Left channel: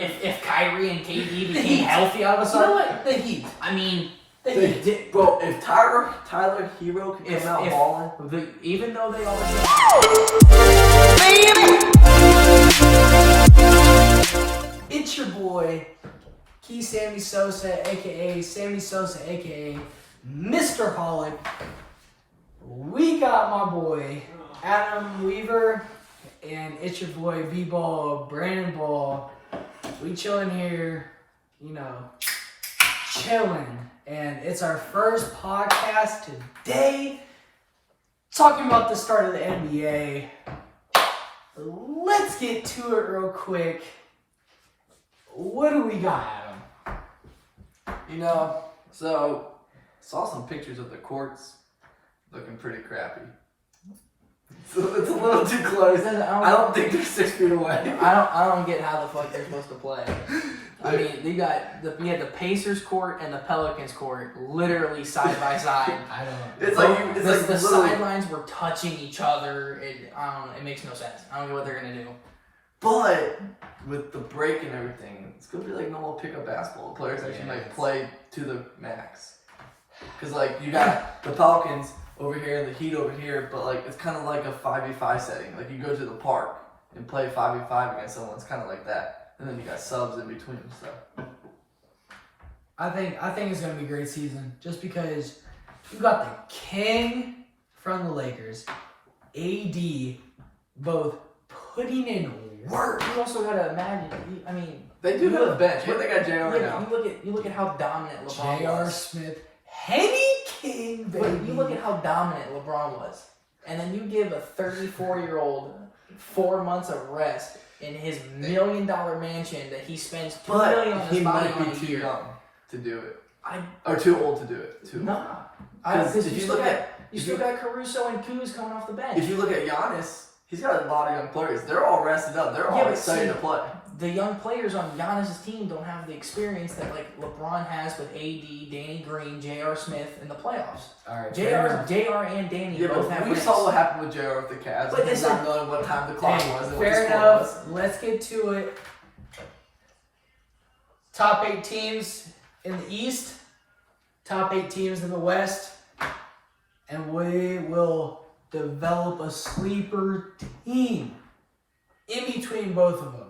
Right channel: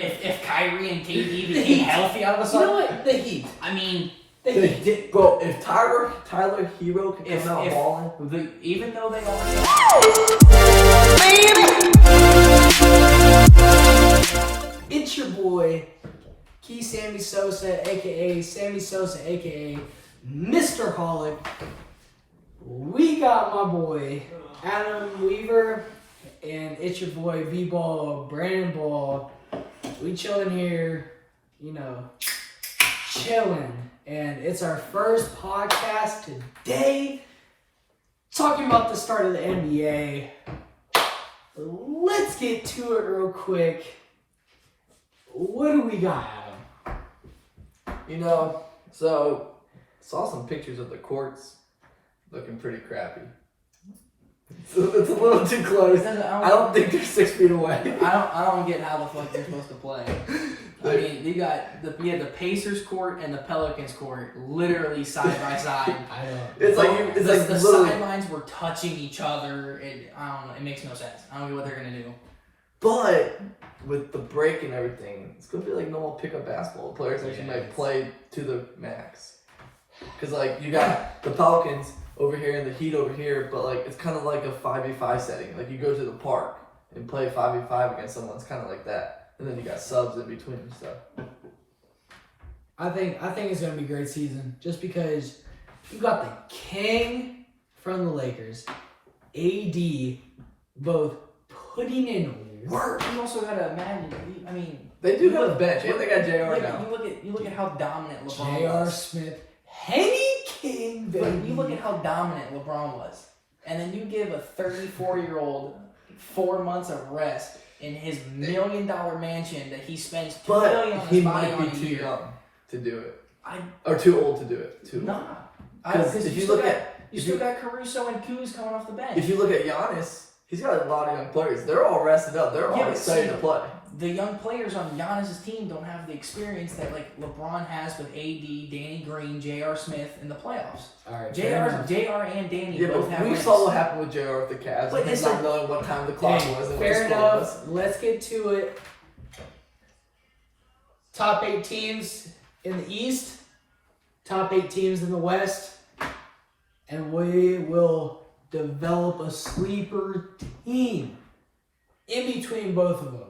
if Kyrie and KD became healthy all of a sudden. You know what? The Heat. I mean, Bro, if Tyler Hero can come out balling, even though they are. It's your boy, Key Sammy Sosa, aka Sammy Sosa, aka Mr. Holic. We got my boy Adam Weaver, and it's your boy V-Ball, Brandon Ball. We chilling here, chilling. And it's our first podcast today, talking about the start of the NBA. Let's get to it real quick. What do we got, Adam? so saw some pictures of the courts looking pretty crappy. It's a little too close. I don't think they're 6 feet away. I don't get how the fuck they're supposed to play. I mean, we had the Pacers court and the Pelicans court literally side by side. I know. It's like the sidelines were touching each other. I don't know. It makes no sense. I don't know what they're gonna do. But with the break and everything, it's gonna be like normal pickup basketball. Players actually might play to the max. Cause you got the Pelicans over here and the Heat over here, but it's kind of like a 5v5 setting. Like you go to the park and play 5v5 against someone. It's kind of like that. And then you got subs in between and stuff. I think it's gonna be a great season, just because you got the king from the Lakers, AD, both putting in work. You also gotta imagine. I mean, they do have a bench. Yeah, they got JR now. You look at how dominant LeBron J.R. was. Smith, Henny King, baby. But you look at how dominant LeBron was, and then you give a 34-year-old 4 months of rest in his $1 million mansion that he spends $2 million on his body on a year. He might be too young to do it. Or too old to do it. Because if you look at you got Caruso and Kuz coming off the bench. If you look at Giannis, he's got a lot of young players. They're all rested up. They're all excited to play. The young players on Giannis' team don't have the experience that LeBron has with AD, Danny Green, J.R. Smith in the playoffs. All right, J.R. and Danny both have we wins. saw what happened with J.R. with the Cavs. But He's not knowing what time the clock was. Fair enough. Let's get to it. Top 8 teams in the East, top 8 teams in the West, and we will develop a sleeper team in between both of them.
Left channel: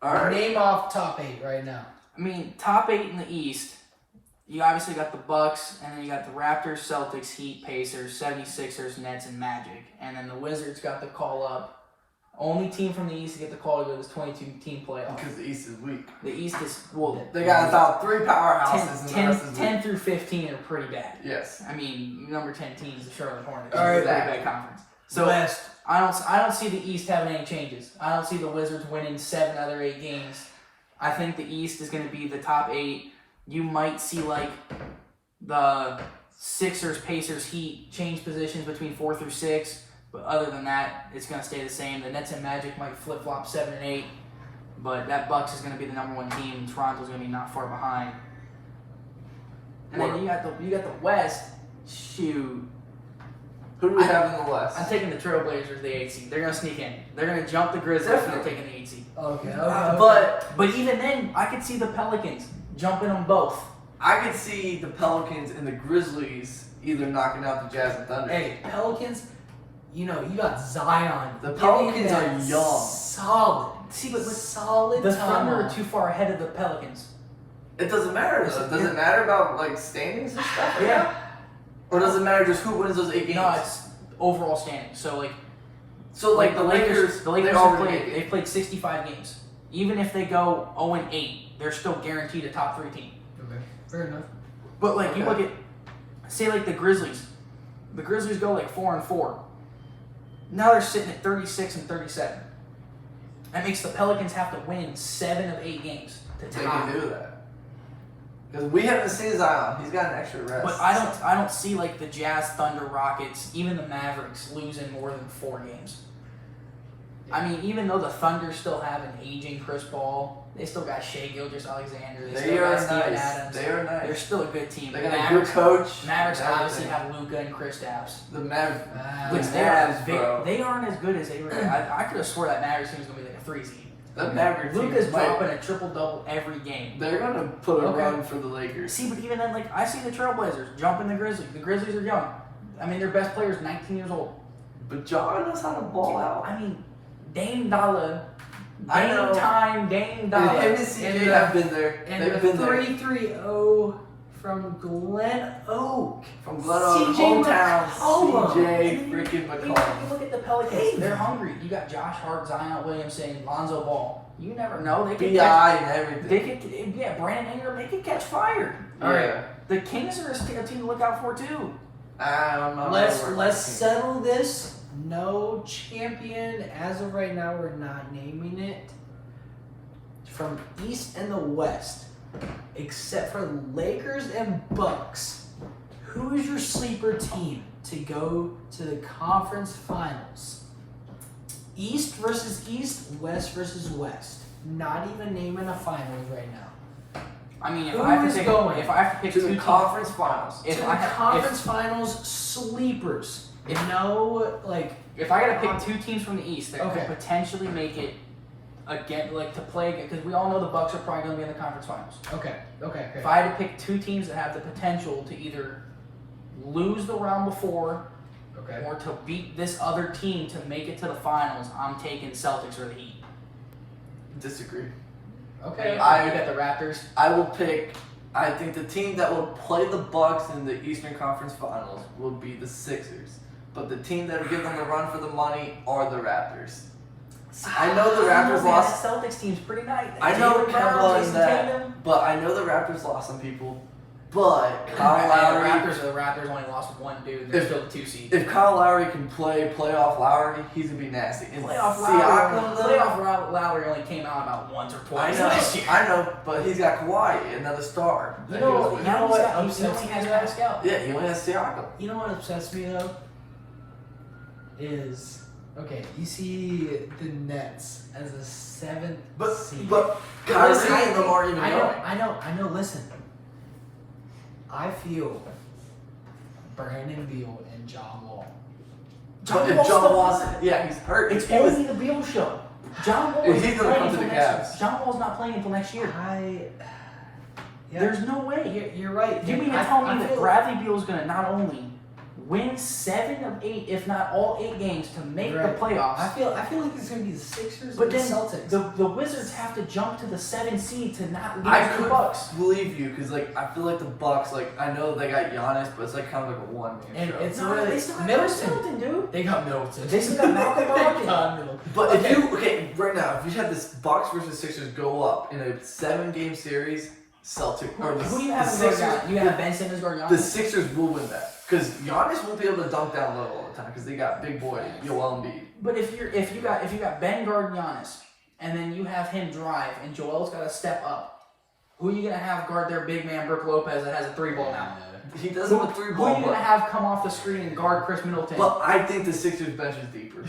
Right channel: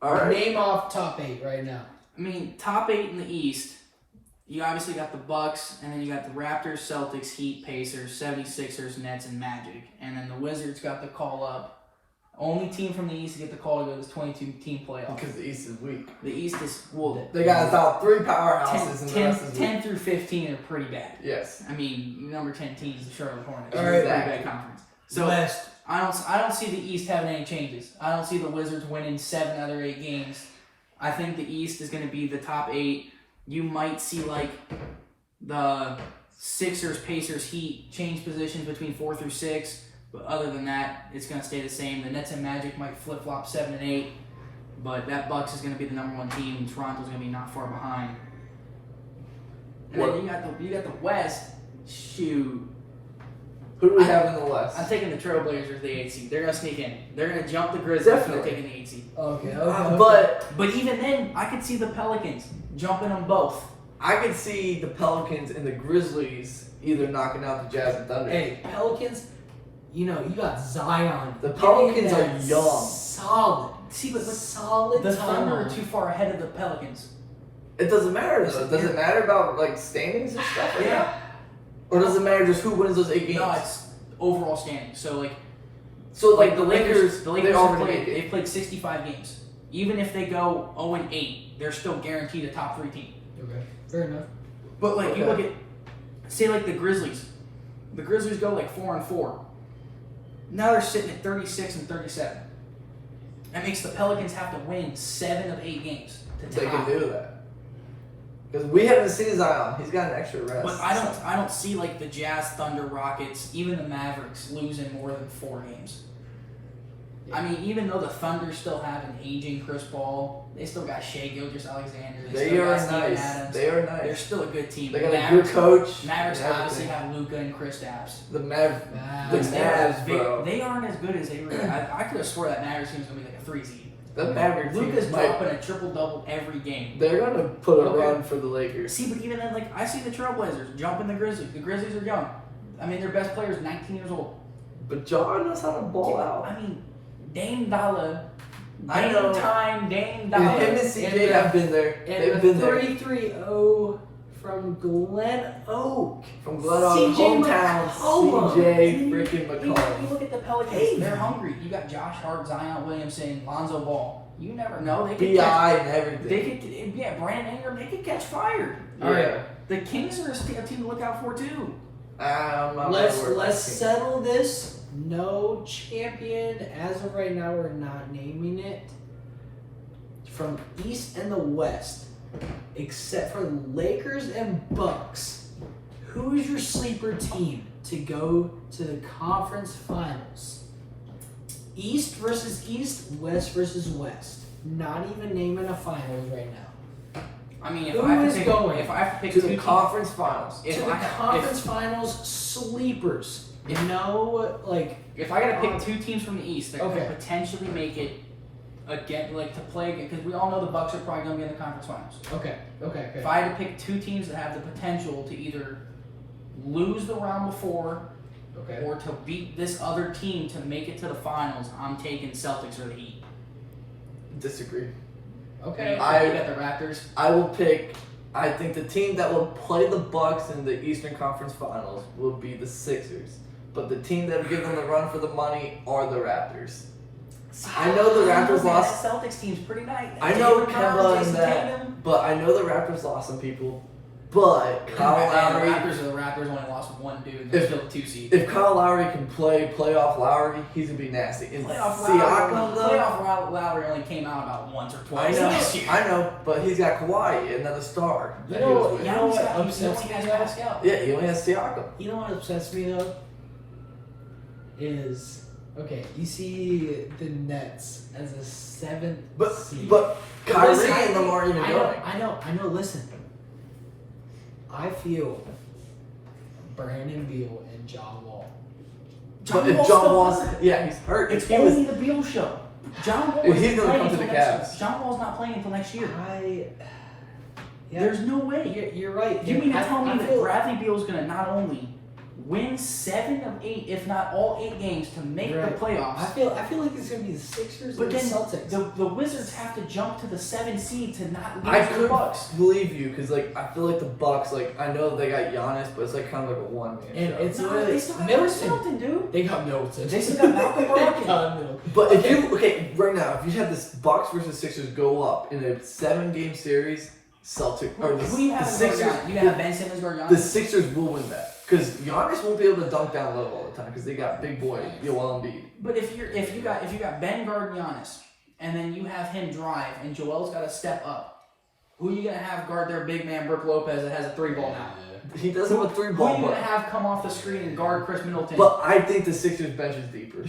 All right. Name off top 8 right now. I mean, top 8 in the East, you obviously got the Bucks, and then you got the Raptors, Celtics, Heat, Pacers, 76ers, Nets, and Magic. And then the Wizards got the call up. Only team from the East to get the call to go to this 22-team playoff. Because the East is weak. The East is, they got about 3 powerhouses, and the rest is 10 through 15 are pretty bad. Yes. I mean, number 10 teams, the Charlotte Hornets. All right. Pretty bad conference. So West. I don't see the East having any changes. I don't see the Wizards winning 7 out of 8 games. I think the East is going to be the top 8. You might see the Sixers, Pacers, Heat change positions between 4 through 6. But other than that, it's going to stay the same. The Nets and Magic might flip-flop 7 and 8. But that Bucks is going to be the number 1 team, and Toronto's going to be not far behind. And then you got the West. Shoot. Who do we have in the West? I'm taking the Trailblazers, the 8 seed. They're going to sneak in. They're going to jump the Grizzlies, and they're taking the 8 seed. Okay. But even then, I could see the Pelicans jumping on both. I could see the Pelicans and the Grizzlies either knocking out the Jazz and Thunder. Hey, Pelicans, you got Zion. The Pelicans are young. Solid. See, but solid. The Thunder are too far ahead of the Pelicans. It doesn't matter, though. Does it matter about, standings and stuff? Yeah. Or does it matter just who wins those 8 games? No, it's overall standings. So the Lakers they've played 65 games. Even if they go 0-8, they're still guaranteed a top 3 team. Okay, fair enough. But you look at, say the Grizzlies. The Grizzlies go 4-4. Now they're sitting at 36 and 37. That makes the Pelicans have to win 7 of 8 games to tie. They can do that. Because we haven't seen Zion. He's got an extra rest. But I don't see the Jazz, Thunder, Rockets, even the Mavericks losing more than 4 games. Yeah. I mean, even though the Thunder still have an aging Chris Paul, they still got Shai Gilgeous-Alexander. They are still got nice. Adams. They are nice. They're still a good team. They got a good coach. Mavericks obviously have Luka and Kristaps. The Mavs, bro. They aren't as good as they were. I could have swore that Mavericks team was going to be a 3 seed. The Mavericks Luka's might. dropping a triple-double every game. They're gonna put a Okay. run for the Lakers. See, but even then, like, I see the Trailblazers jumping the Grizzlies. The Grizzlies are young. I mean, their best player is 19 years old. But John knows how to ball out. I mean, Dame Dollar. I know. Dame Him Dollar. and CJ have been there. And They've the been there. 3-3-0 from Glen Oak. From Glen Oak, CJ hometown, McCollum. CJ freaking You McCollum. look at the Pelicans. Hey, they're man. hungry. You got Josh Hart, Zion Williamson, Lonzo Ball. You never know. They could BI catch, and everything. they could, yeah, Brandon Ingram. They could catch fire. All right. Yeah. The Kings are a team to look out for too. I'm not Let's really worried about the Kings. settle this. No champion as of right now. We're not naming it. From East and the West, except for Lakers and Bucks, who is your sleeper team to go to the conference finals? East versus East, West versus West. Not even naming a finals right now. I mean, if Who I have is to pick, going if I have to pick To two the teams, conference finals. if to I the have- conference finals, sleepers. No, like if I gotta pick two teams from the East that Okay. could potentially make it again, like to play again, because we all know the Bucks are probably gonna be in the conference finals. okay. If I had to pick two teams that have the potential to either lose the round before Okay. or to beat this other team to make it to the finals, I'm taking Celtics or the Heat. Disagree. Okay. You I- got the Raptors. I will pick. I think the team that will play the Bucks in the Eastern Conference Finals will be the Sixers. But the team that will give them the run for the money are the Raptors. I know the Raptors lost. That Celtics team's pretty nice. I know Jaylen Brown, Kemba and Jason that, Tatum. but I know the Raptors lost some people. But Kyle And Lowry, the Raptors only lost with one dude. They're If- still the 2 seed. if Kyle Lowry can play playoff Lowry, he's gonna be nasty. And Playoff Siakam, though, Lowry only came out about once or I twice know, last year. I know, but he's got Kawhi, another star. You that know- he was with. you know what He upsets me has though? Pascal. Yeah, he only has Siakam. You know what upsets me though? Is okay, you see the Nets as a 7th But seed. but Kyrie Listen, and them aren't even I going. know, listen. I feel Brandon Beal and John Wall. But if John Wall's, yeah, he's hurt. It's If he was, only the Beal show. John Wall Well, isn't he's gonna playing come to until the next Cavs. year. John Wall's not playing until next year. Yeah, There's no way. you're right. You mean to tell I me that feel- Bradley Beal's going to not only win 7 of 8, if not all 8 games to make Right. the playoffs, I feel like it's gonna be the Sixers but and the then Celtics. the Wizards have to jump to the 7 seed to not lose I to the could Bucks. believe you because like I feel like the Bucks, like I know they got Giannis, but it's like kind of like a one man And show. it's No, really they still got Middleton. Middleton, dude. They got Middleton. They still got Malcolm Brogdon. They got Middleton. But if Okay. you right now, if you had this Bucks versus Sixers go up in a 7-game series, or Who do you the have Sixers, as guard? You have Ben Simmons guard the Giannis? Sixers will win that because Giannis won't be able to dunk down low all the time because they got big boy Joel Embiid. But if you got Ben guard Giannis, and then you have him drive, and Joel's got to step up, who are you gonna have guard their big man Brook Lopez that has a 3-ball now? He does have a 3-ball, Who are you but, gonna have come off the screen and guard Chris Middleton? but I think the Sixers bench is deeper.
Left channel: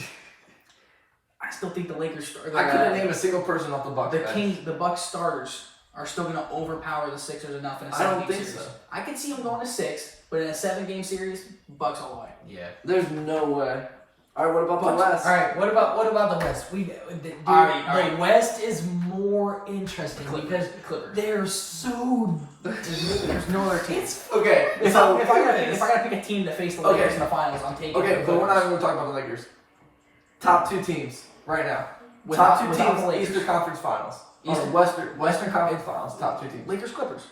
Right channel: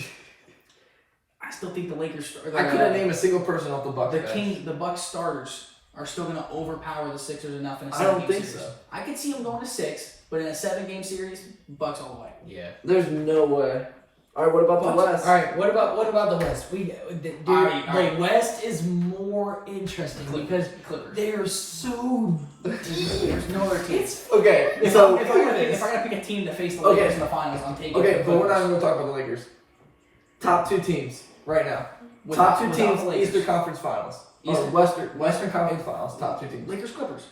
I still think the Lakers. I couldn't name a single person off the Bucks bench. The Bucks starters are still gonna overpower the Sixers enough in a I 7 don't game think series. so. I could see them going to 6, but in a 7-game series, Bucks all the way. Yeah. There's no way. All right, what about the Bucks. West? All right. What about the West? All right. The West is more interesting because Clippers. they're so. There's no other team. Okay, If so I gotta pick a team to face the Lakers Okay. in the finals, I'm taking. okay, the but we're not Clippers. even talking about the Lakers. Top 2 teams right now. Without- Top 2 without the teams, Lakers. Eastern Conference Finals. Or Eastern- Western Conference Finals. Top 2 teams. Lakers Clippers.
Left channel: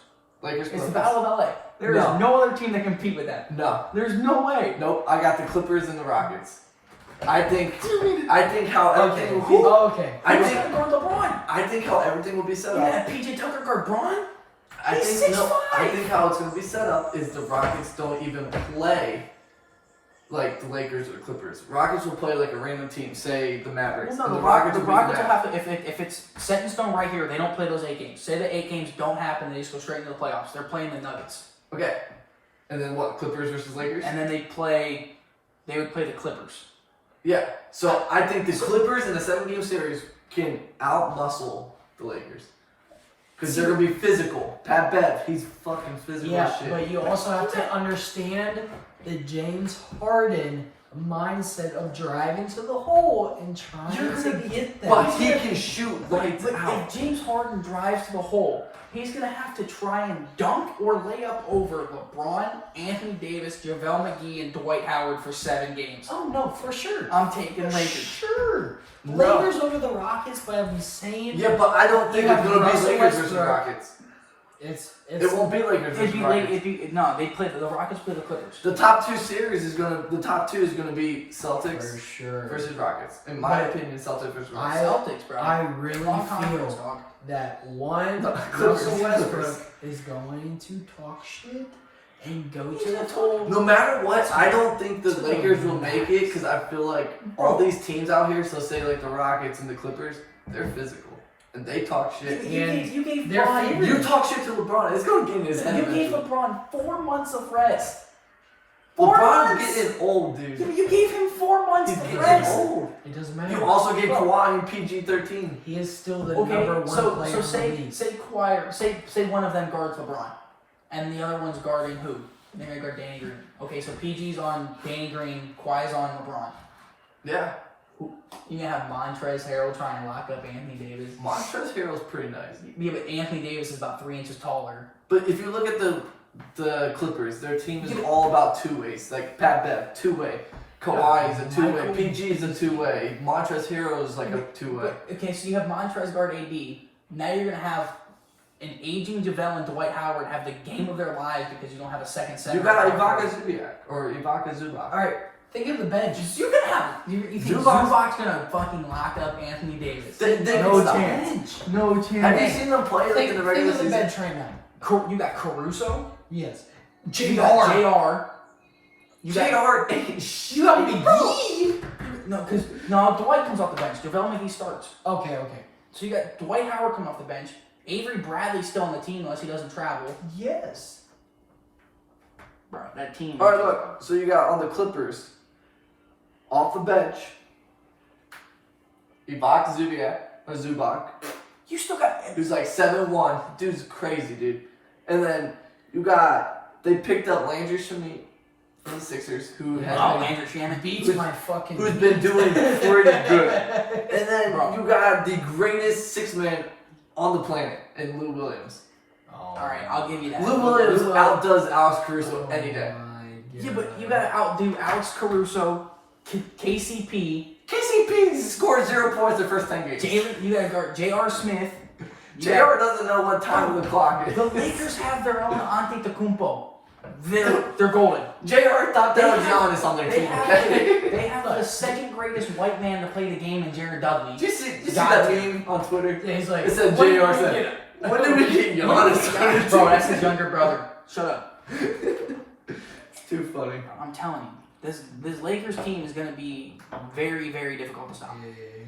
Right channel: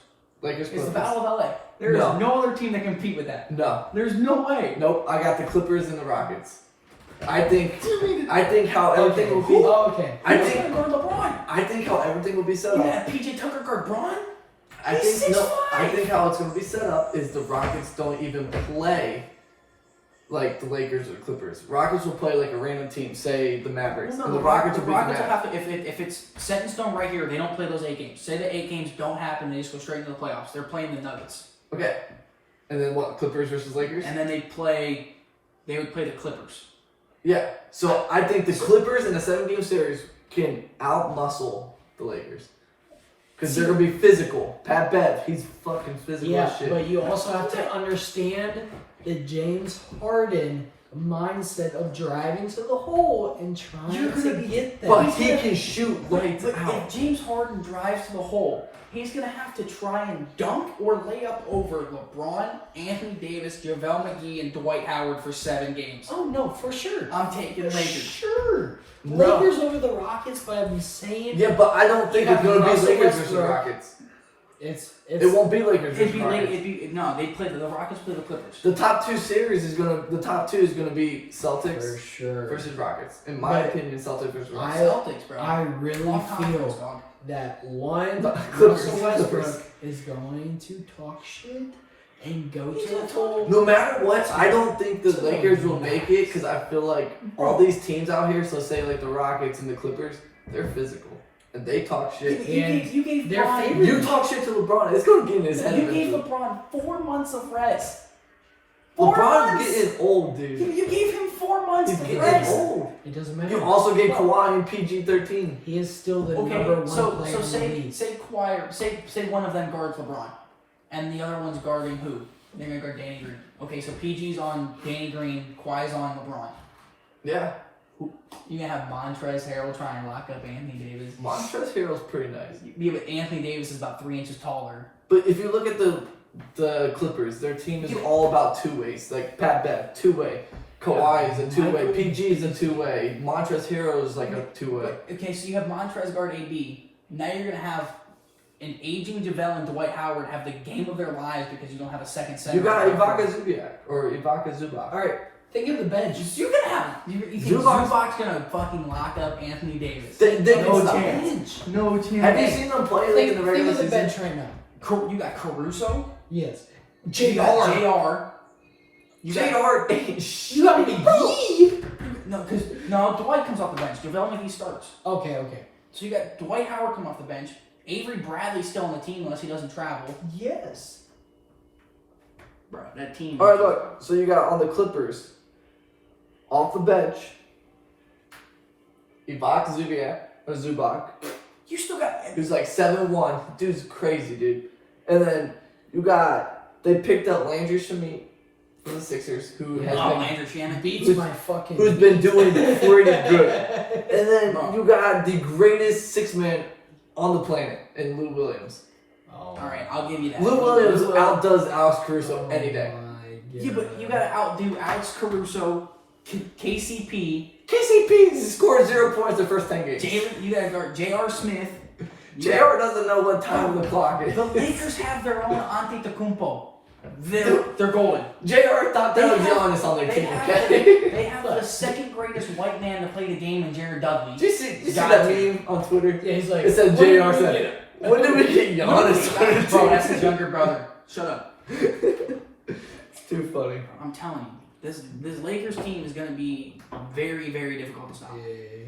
Lakers. It's the Clippers. Battle of LA. There's No. no other team that can compete with that. No, There's no way. nope. I got the Clippers and the Rockets. I think how everything will be. Okay. I Who's think gonna guard LeBron? I think how everything will be set You up. have PJ Tucker guard Braun? I He's think no. 6'5". I think how it's going to be set up is the Rockets don't even play like the Lakers or the Clippers. Rockets will play like a random team, say the Mavericks, Well, and no, the Rockets the will Rockets beat will the Mavs. have to if it's set in stone right here. They don't play those 8 games. Say the 8 games don't happen. They just go straight into the playoffs. They're playing the Nuggets, Okay, and then what? Clippers versus Lakers. and then they would play the Clippers. Yeah. So I think the Clippers in a 7-game series can outmuscle the Lakers. Because they're going to be physical. Pat Bev, he's fucking physical Yeah, as shit. but you also have to understand that James Harden mindset of driving to the hole and trying to get that. But he can shoot lights But out. if James Harden drives to the hole, he's going to have to try and dunk or lay up over LeBron, Anthony Davis, JaVale McGee, and Dwight Howard for 7 games. Oh, no, for sure. I'm taking For Lakers. sure. No. Lakers over the Rockets, but I'm saying Yeah, but I don't think You it's have going to be Russell Lakers versus Westbrook. Rockets. it's It won't be Lakers versus Rockets. They play the Rockets play the Clippers. The top 2 series is gonna. The top 2 is gonna be Celtics for sure. versus Rockets. In my But opinion, Celtics versus Rockets. Celtics, bro. I really Long conference, feel dog. that one, The Russell Clippers. Westbrook is going to talk shit and go to the hole. No matter what, I don't think the Lakers will make it because I feel like all these teams out here, so say like the Rockets and the Clippers, they're physical and they talk shit. You gave they're LeBron, favored. You talk shit to LeBron, it's gonna get in his head you gave eventually. LeBron 4 months of rest. 4 LeBron's months? getting old, dude. You gave him 4 months He's of getting rest. old. It doesn't matter. You also gave Kawhi in PG-13. He is still the Okay, number one so player in the say league. say one of them guards LeBron, and the other one's guarding who? They're gonna guard Danny Green. Okay, so PG's on Danny Green, Kawhi's on LeBron. Yeah. You can have Montrezl Harrell trying to lock up Anthony Davis. Montrezl Harrell's pretty nice. Yeah, but Anthony Davis is about 3 inches taller. But if you look at the Clippers, their team is all about 2 ways. Like Pat Bev, 2-way. Kawhi is a 2-way. Michael- PG is a 2-way. Montrezl Harrell is like a 2-way. Okay, so you have Montrezl guard AD. Now you're gonna have an aging JaVale and Dwight Howard have the game of their lives because you don't have a second center. You got Ibaka Zubac or Ibaka Zubac. All right, think of the bench. You're gonna have. You think Zubac's- Zubac's gonna fucking lock up Anthony Davis? They can No stop. chance. No chance. Have you seen them play like Think, in the think regular of the season? bench right now. You got Caruso. Yes. You got JR. JR. You got JR ain't shit. You got McGee. no, Dwight comes off the bench. JaVale McGee starts. Okay. So you got Dwight Howard coming off the bench. Avery Bradley's still on the team unless he doesn't travel. Yes. Bro, that team. All right, look. So you got on the Clippers, off the bench, Ibaka Zubac, You still got. who's like 7'1". Dude's crazy, dude. And then you got, they picked up Landry Shamet from the Sixers, who has been, Andrew Shannon. Beats Who's- my fucking. who's been doing pretty good. And then Bro. you got the greatest 6-man on the planet in Lou Williams. Oh, Alright, I'll give you that. Lou Williams outdoes Alex Caruso any day. Yeah, but you gotta outdo Alex Caruso, KCP, KCP scored 0 points the first 10 games. you gotta guard J.R. Smith. JR doesn't know what time of the clock is. The Lakers have their own Antetokounmpo. They're golden. JR thought that was Giannis on their They team, have, okay? they have the second greatest white man to play the game in Jared Dudley. Did you see that meme on Twitter? Yeah, he's like. It said "When did JR we said, get it?" when did we get Giannis on our team? Bro, that's his younger brother. Shut up. It's too funny. I'm telling you, this Lakers team is gonna be very, very difficult to stop. Yeah.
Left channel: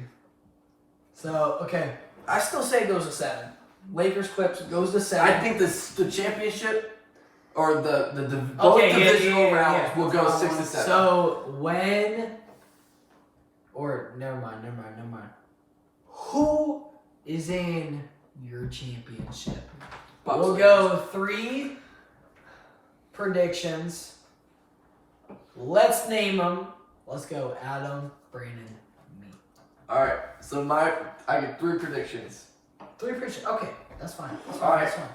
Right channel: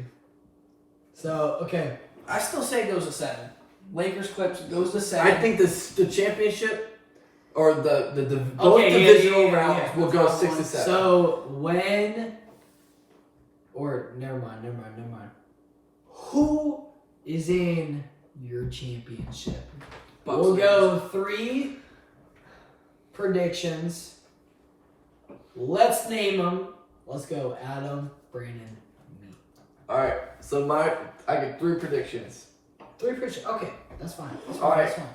So okay. I still say it goes to 7. Lakers Clips goes to 7. I think the championship or the both Okay, yeah, divisional yeah, yeah, rounds yeah. will go 6 to 7. So when, or never mind. Who is in your championship? Bucks We'll Lakers. go 3 predictions. Let's name them. Let's go Adam, Brandon, me. All right, so I get 3 predictions. 3 predictions. Okay, that's fine. That's All fine. right. That's fine.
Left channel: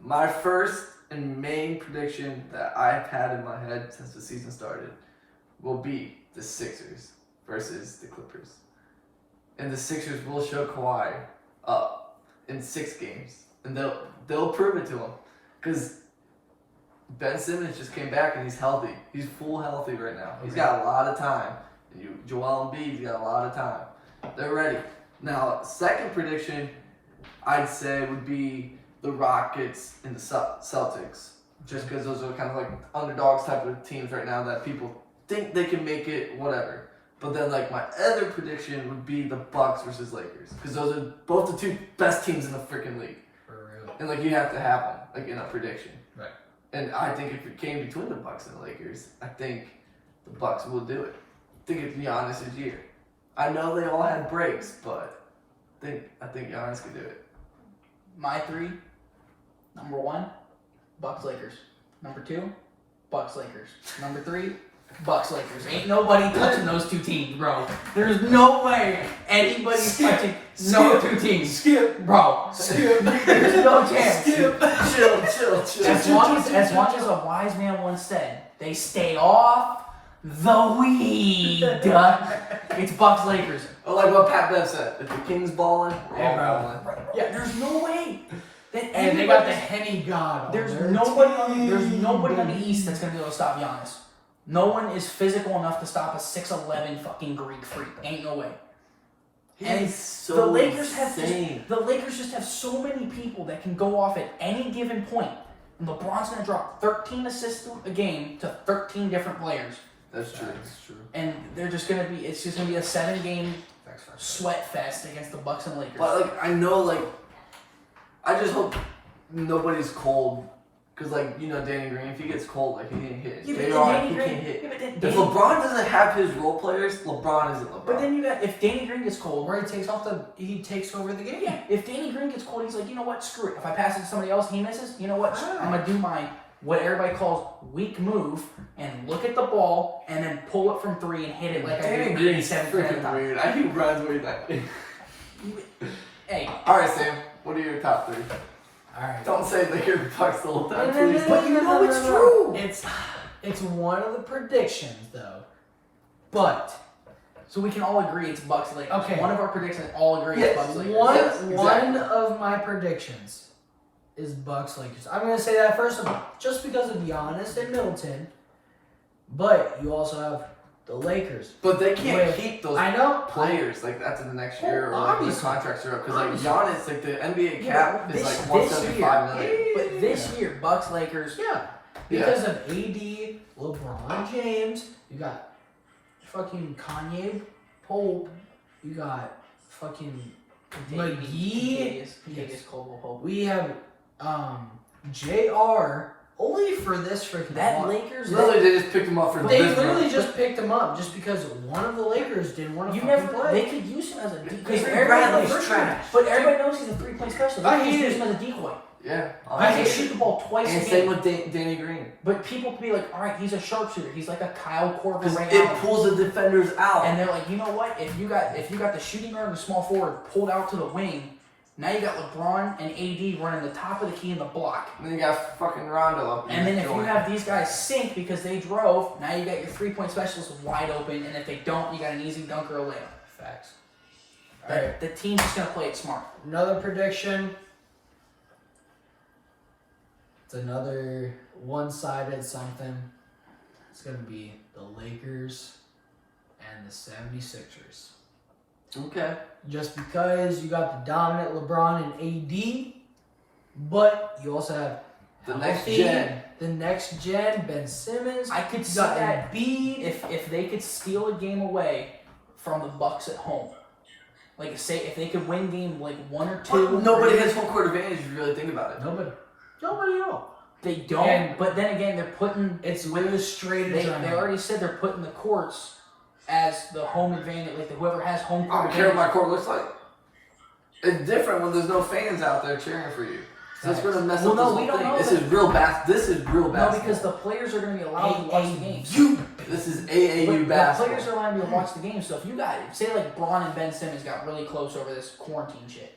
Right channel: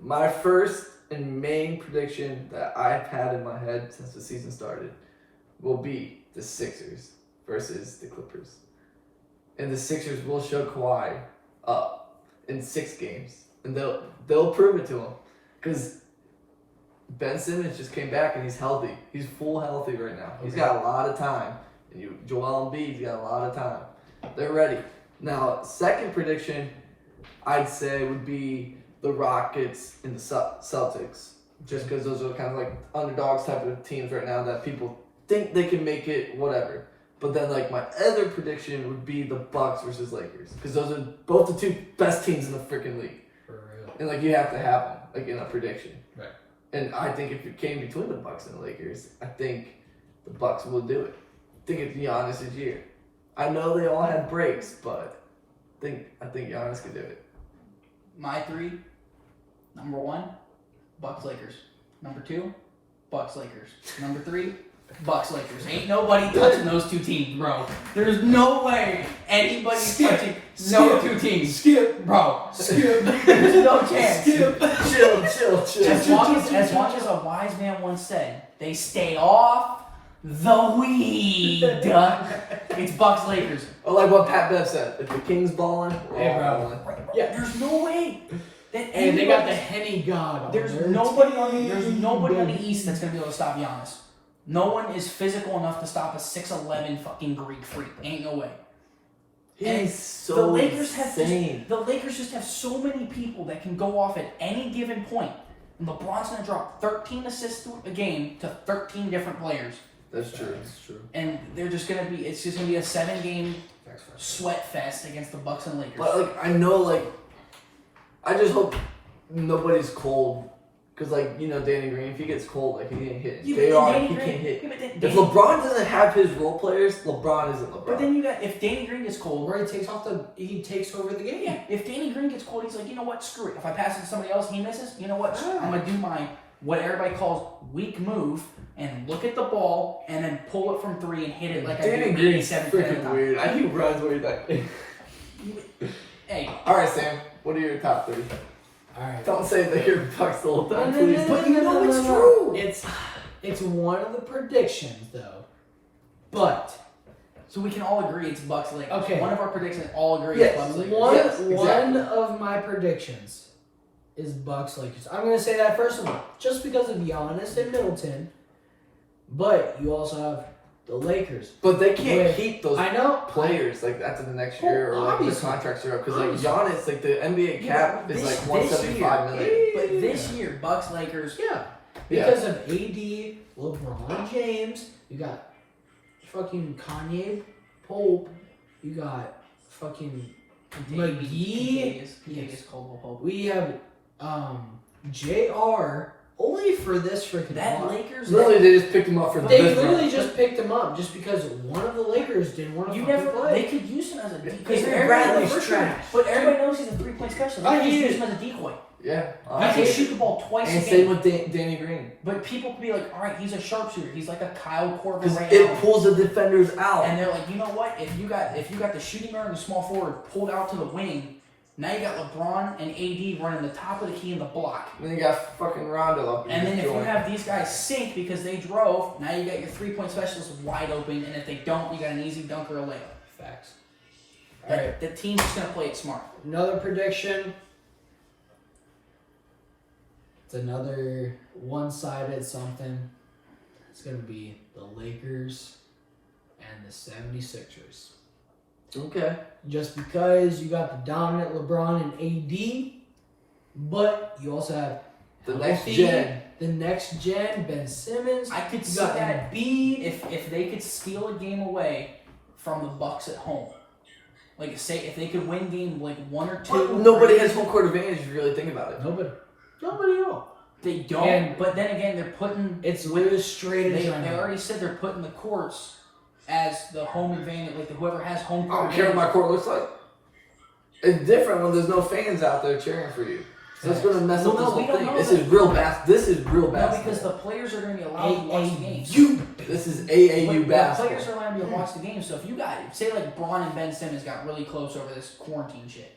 My first and main prediction that I've had in my head since the season started will be the Sixers versus the Clippers. And the Sixers will show Kawhi up in 6 games. And they'll prove it to him. Because Ben Simmons just came back and he's healthy. He's full healthy right now. He's got a lot of time. And Joel Embiid's got a lot of time. They're ready. Now, second prediction I'd say would be the Rockets and the Celtics. Just because those are kind of like underdogs type of teams right now that people think they can make it, whatever. But then like my other prediction would be the Bucks versus Lakers. Because those are both the 2 best teams in the freaking league. For real. And like you have to have them, like in a prediction. Right. And I think if it came between the Bucks and the Lakers, I think the Bucks will do it. I think it's Giannis' year. I know they all had breaks, but I think Giannis could do it. My 3, number 1, Bucks Lakers. Number 2, Bucks Lakers. Number 3, Bucks Lakers. Ain't nobody touching those two teams, bro. There's no way anybody's touching no two teams. Skip. Bro. Skip. There's no chance. Skip. Chill. As long as a wise man once said, they stay off the weed. It's Bucks Lakers. Or like what Pat Bev said, if the Kings balling, we're Hey, all bro. balling. Yeah, there's no way. And they got the Henny God on There's their nobody team, on the baby. East that's gonna be able to stop Giannis. No one is physical enough to stop a 6'11" fucking Greek freak. Ain't no way. And He's so the Lakers insane. the Lakers just have so many people that can go off at any given point. And LeBron's gonna drop 13 assists a game to 13 different players. That's true. And it's just gonna be a 7-game sweat fest against the Bucks and Lakers. But like I know, like I just hope nobody's cold. Cause like Danny Green, if he gets cold, like he can't hit. Yeah, JR, he can't hit. If LeBron doesn't have his role players, LeBron isn't LeBron. But then you got if Danny Green gets cold, Where he takes over the game. yeah. If Danny Green gets cold, he's like, you know what? Screw it. If I pass it to somebody else, he misses. You know what? I'm gonna do my what everybody calls weak move and look at the ball and then pull it from 3 and hit it like Danny I do Green's 87% of the freaking time. weird. I think runs way back. Hey, All right, Sam. What are your top 3? All right. Don't say that your Bucks the whole time, No, please. But you know it's true. It's one of the predictions though, but so we can all agree it's Bucks Lakers. Okay. One of our predictions all agree Yes, it's Bucks Lakers. one Yes, exactly. of my predictions is Bucks Lakers. I'm gonna say that first of all, just because of Giannis and Middleton, but you also have the Lakers. But they can't With- keep those I know. players like after the next Well, year or like when the obviously. contracts are up. Because like Obviously. Giannis, like the NBA cap is This- like this 175 year- million. But this year, Bucks Lakers. Yeah, because of AD, LeBron James. You got fucking Kanye Pope. You got fucking McGee. Davis Caldwell Pope. We have JR only for this freaking That lot. Lakers. Literally, they just picked him up for They this literally run. just picked him up just because one of the Lakers didn't want to You fucking never. play. They could use him as a Avery because Bradley's trash. But everybody knows he's a 3-point specialist. I They could hate use it. him as a decoy. Yeah, I can honestly. shoot the ball twice And a same game. with Danny Green. But people could be like, all right, he's a sharpshooter. He's like a Kyle Korver. Because Ray it Allen. pulls the defenders out. And they're like, you know what? If you got the shooting guard and the small forward pulled out to the wing, now you got LeBron and AD running the top of the key in the block. And then you got fucking Rondo up. And then if you going. have these guys sink because they drove, now you got your 3-point specialists wide open. And if they don't, you got an easy dunk or a layup. Facts. All right. The team's just gonna play it smart. Another prediction. It's another one-sided something. It's going to be the Lakers and the 76ers. Okay. Just because you got the dominant LeBron and AD, but you also have The next healthy, gen. the next gen, Ben Simmons. I could You see got that Embiid. if they could steal a game away from the Bucks at home. Like say if they could win game like 1 or 2. Well, nobody has home court advantage if you really think about it. Nobody at all. They don't. And- but then again, they're putting. It's really straight They edge. already said they're putting the courts as the home advantage. Like whoever has home I court. don't care what my advantage. court looks like. It's different when there's no fans out there cheering for you. So it's going to mess Well, up no, this we whole don't thing. know This that. is real This is real No, basketball. because the players are going to be allowed to watch the games. This is AAU But basketball. the players are allowed to watch the game. So if you got, say like Bron and Ben Simmons got really close over this quarantine shit.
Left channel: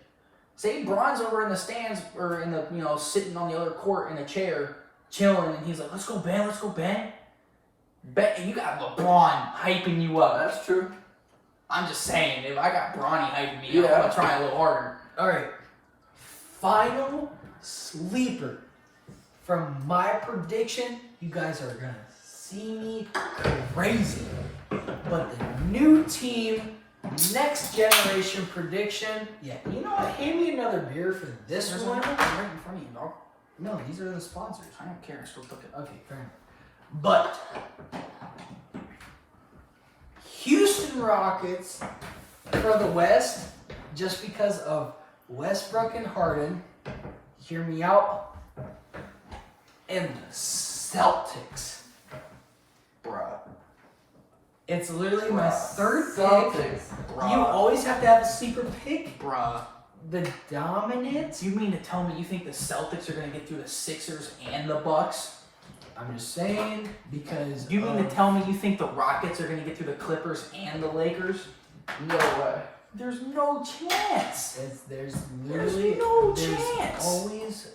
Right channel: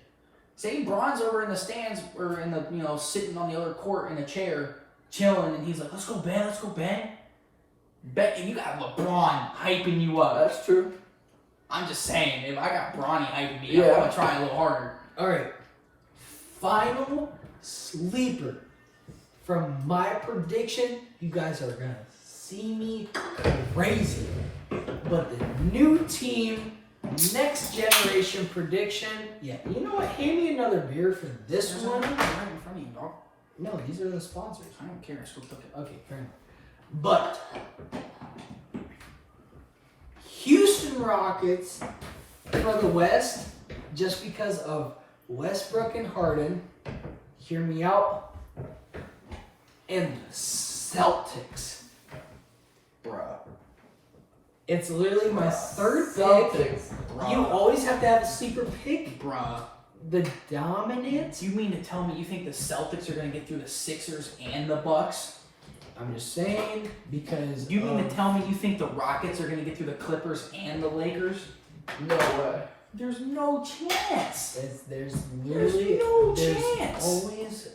Say Bron's over in the stands or in the sitting on the other court in a chair chilling, and he's like, "Let's go Ben, let's go Ben." And you got LeBron hyping you up. That's true. I'm just saying, if I got Bronny hyping me Yeah. up, I'm gonna try a little harder. All right. Final sleeper. From my prediction, you guys are going to see me crazy. But the new team, next generation prediction. Yeah, you know what? Hand me another beer for this There's one. one right in front of you, dog. No, these are the sponsors. I don't care. Still took it. Okay, fair enough. But Houston Rockets for the West, just because of Westbrook and Harden. Hear me out. And the Celtics. Bruh. It's literally my third pick. Celtics. You always have to have a sleeper pick. Bruh. The dominant. You mean to tell me you think the Celtics are gonna get through the Sixers and the Bucks? I'm just saying because You mean to tell me you think the Rockets are going to get through the Clippers and the Lakers? No way. There's no chance. there's There's literally no chance.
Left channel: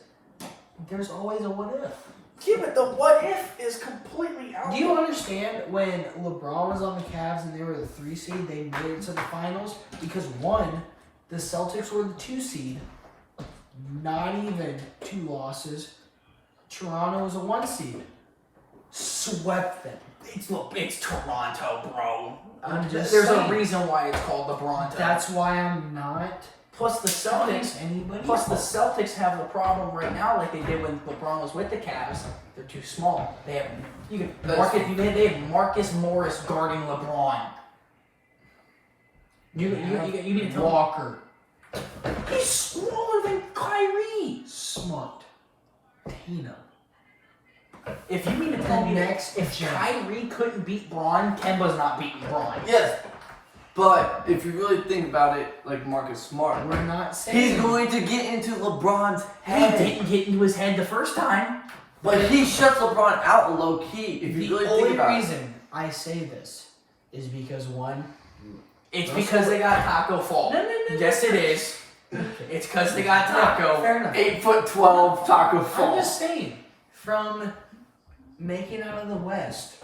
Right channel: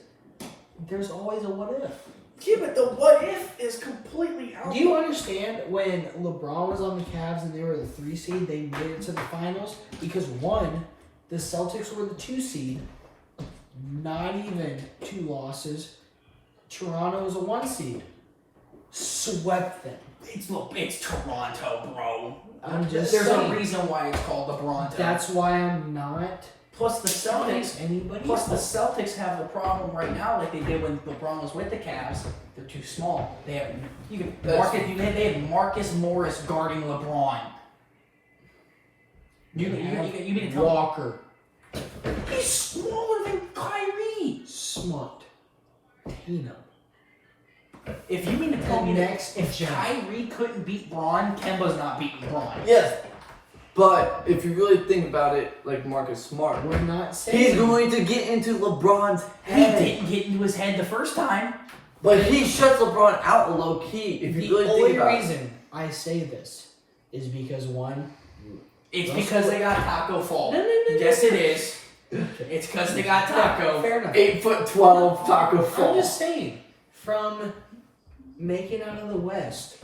There's always a what if. Yeah, but the what if is completely out. Do you understand when LeBron was on the Cavs and they were the 3 seed, they made it to the finals? Because one, the Celtics were the 2 seed, not even 2 losses. Toronto was a 1 seed. Swept them. It's Toronto, bro. I'm just There's saying. a reason why it's called the Bronto. That's why I'm not Plus the telling Celtics. anybody Plus the else. Celtics have the problem right now, like they did when LeBron was with the Cavs. They're too small. They have they have Marcus Morris guarding LeBron. You mean to tell Walker. me he's smaller than Kyrie? Smart. Tatum. If you mean to tell me that Next if gen. Kyrie couldn't beat Braun, Kemba's not beating Braun. Yes. But if you really think about it, like Marcus Smart, We're not saying he's going to get into LeBron's He head. didn't get into his head the first time. But he shuts LeBron out low key. If you The really think only about it. reason I say this is because one, It's Russell- because they got Taco Fall. No. Yes, it is. It's because they got Taco. Fair enough. 8'12" Taco I'm Fall. just saying, from making out of the West,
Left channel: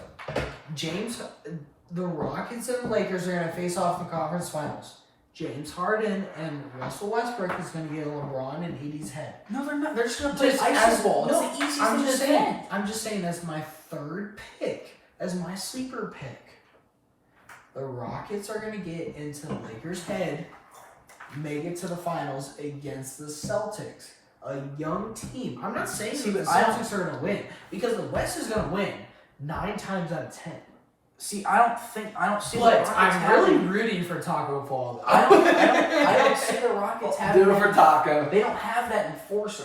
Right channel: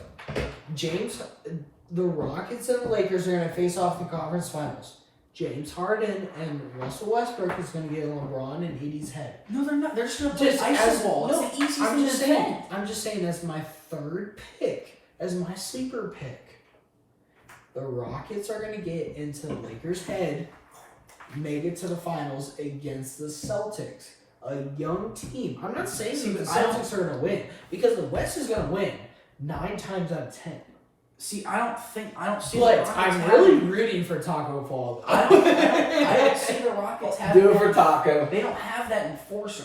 the Rockets and the Lakers are going to face off in the conference finals. James Harden and Russell Westbrook is going to get LeBron and AD's head. No, they're not. They're just gonna play Just ice as- ball. no, It's the easiest I'm thing just to saying. defend. I'm just saying as my third pick, as my sleeper pick. The Rockets are going to get into the Lakers' head, make it to the finals against the Celtics, a young team. I'm not saying See, that the I don't- Celtics are going to win because the West is going to win 9 times out of 10. See, I don't see. But the Rockets I'm really having- rooting for Taco Fall. I don't see the Rockets having. Do it for Taco. They don't have that enforcer.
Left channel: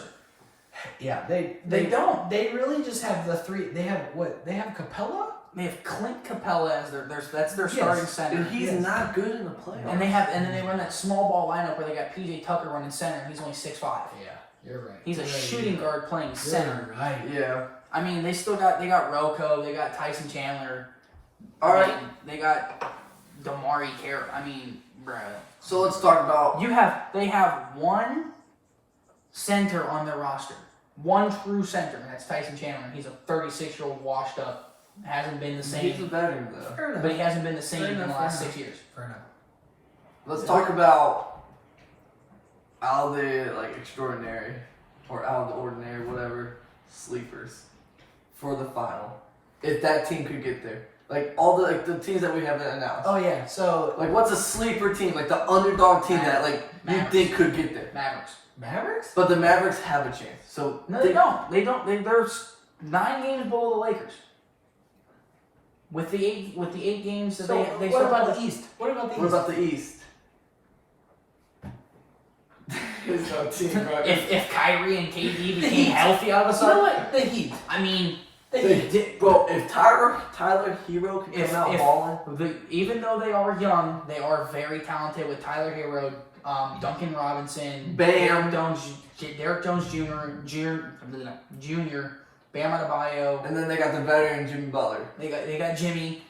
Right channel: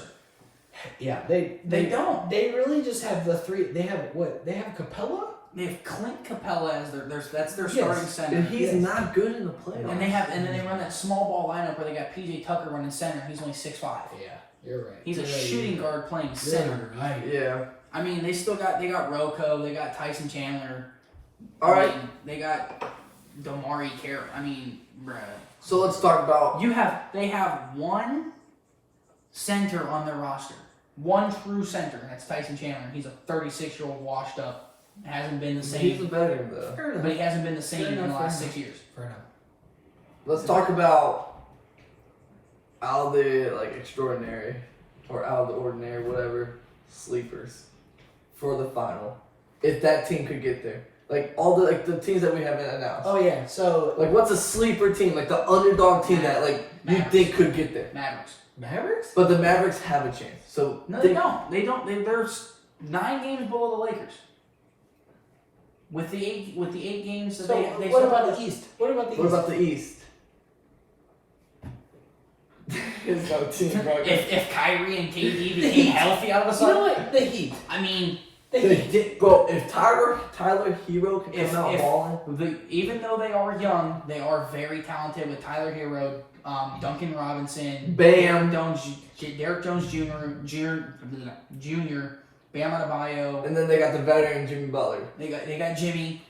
Yeah, they don't. They really just have the 3. They have what? They have Capella. They have Clint Capella as that's their Yes. starting center. And he's Yes. not good in the playoffs. And then they run that small ball lineup where they got PJ Tucker running center. He's only 6'5". Yeah, you're right. He's a You're right, shooting you're guard playing right. center. You're right. Yeah. I mean, they got Rocco, they got Tyson Chandler. All I right. mean, they got Damari Carey. I mean, bro. So let's talk about. They have one center on their roster. One true center, and that's Tyson Chandler. He's a 36-year-old washed up. Hasn't been the He's same. the veteran though. Fair enough. But he hasn't been the same Fair in the enough, last fair 6 years. Fair enough. Let's talk about out of the extraordinary or out of the ordinary, whatever, sleepers for the final. If that team could get there, like all the teams that we haven't announced. Oh yeah, so Like what's a sleeper team, like the underdog team that you Mavericks. think could get there? Mavericks. Mavericks? But the Mavericks have a chance. So No, they don't. They're 9 games below the Lakers. With the eight games that So they what still about have- the East? What about the What East? about the East? There's no team, bro. if Kyrie and KD became healthy out of a You know sudden? what? The Heat. I mean, The Heat. Bro, if Tyler Hero can if, come out if balling, even though they are young, they are very talented with Tyler Hero, Duncan Robinson, Bam. Derek Jones Jr., Bam Adebayo. and then they got the veteran Jimmy Butler. They got Jimmy.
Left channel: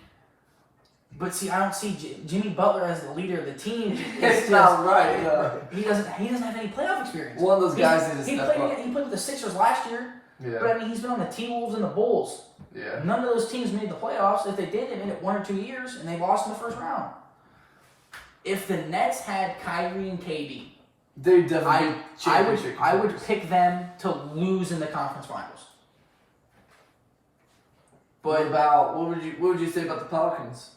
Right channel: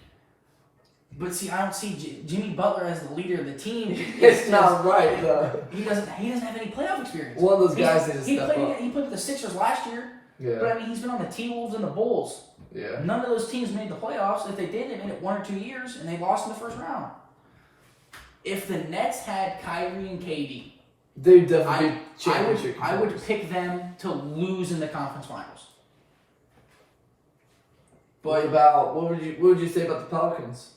But see, I don't see Jimmy Butler as the leader of the team. It's not right, though. He doesn't have any playoff experience. One of those guys needs to he step played, up. He played with the Sixers last year. But Yeah, I mean, he's been on the T-Wolves and the Bulls. yeah. None of those teams made the playoffs. If they did, they made it 1 or 2 years, and they lost in the first round. If the Nets had Kyrie and KD, They definitely be I championship would contenders. pick them to lose in the conference finals. But what would you say about the Pelicans?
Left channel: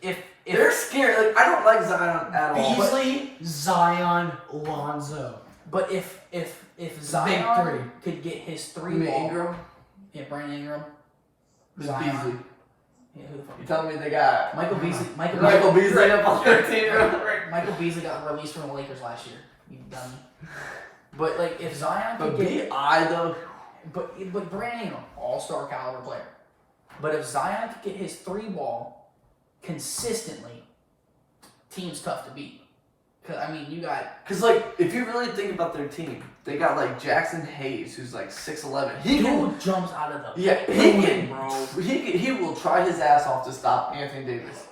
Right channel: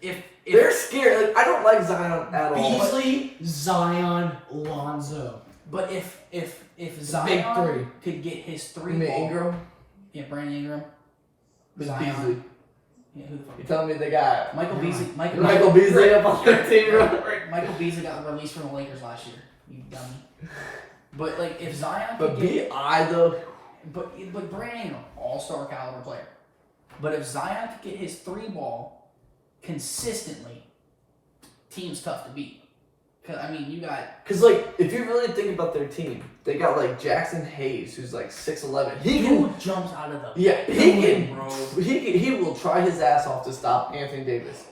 if They're scared. Like I don't like Zion at all. Beasley, Zion, Lonzo. But if Big Zion 3. could get his You 3 mean ball, Ingram? yeah, Brandon Ingram, Who's Zion. Beasley? Yeah, who the fuck? You telling me they got Michael Beasley. Michael Beasley up on their team? Michael Beasley got released from the Lakers last year. You dummy. But like, if Zion But could get, B.I. though, but Brandon Ingram, all-star caliber player. But if Zion could get his 3 ball consistently, team's tough to beat. Because, I mean, you got... Because, like, if you really think about their team, they got, like, Jackson Hayes, who's, like, 6'11". He jumps out of the... Yeah, bro. He will try his ass off to stop Anthony Davis.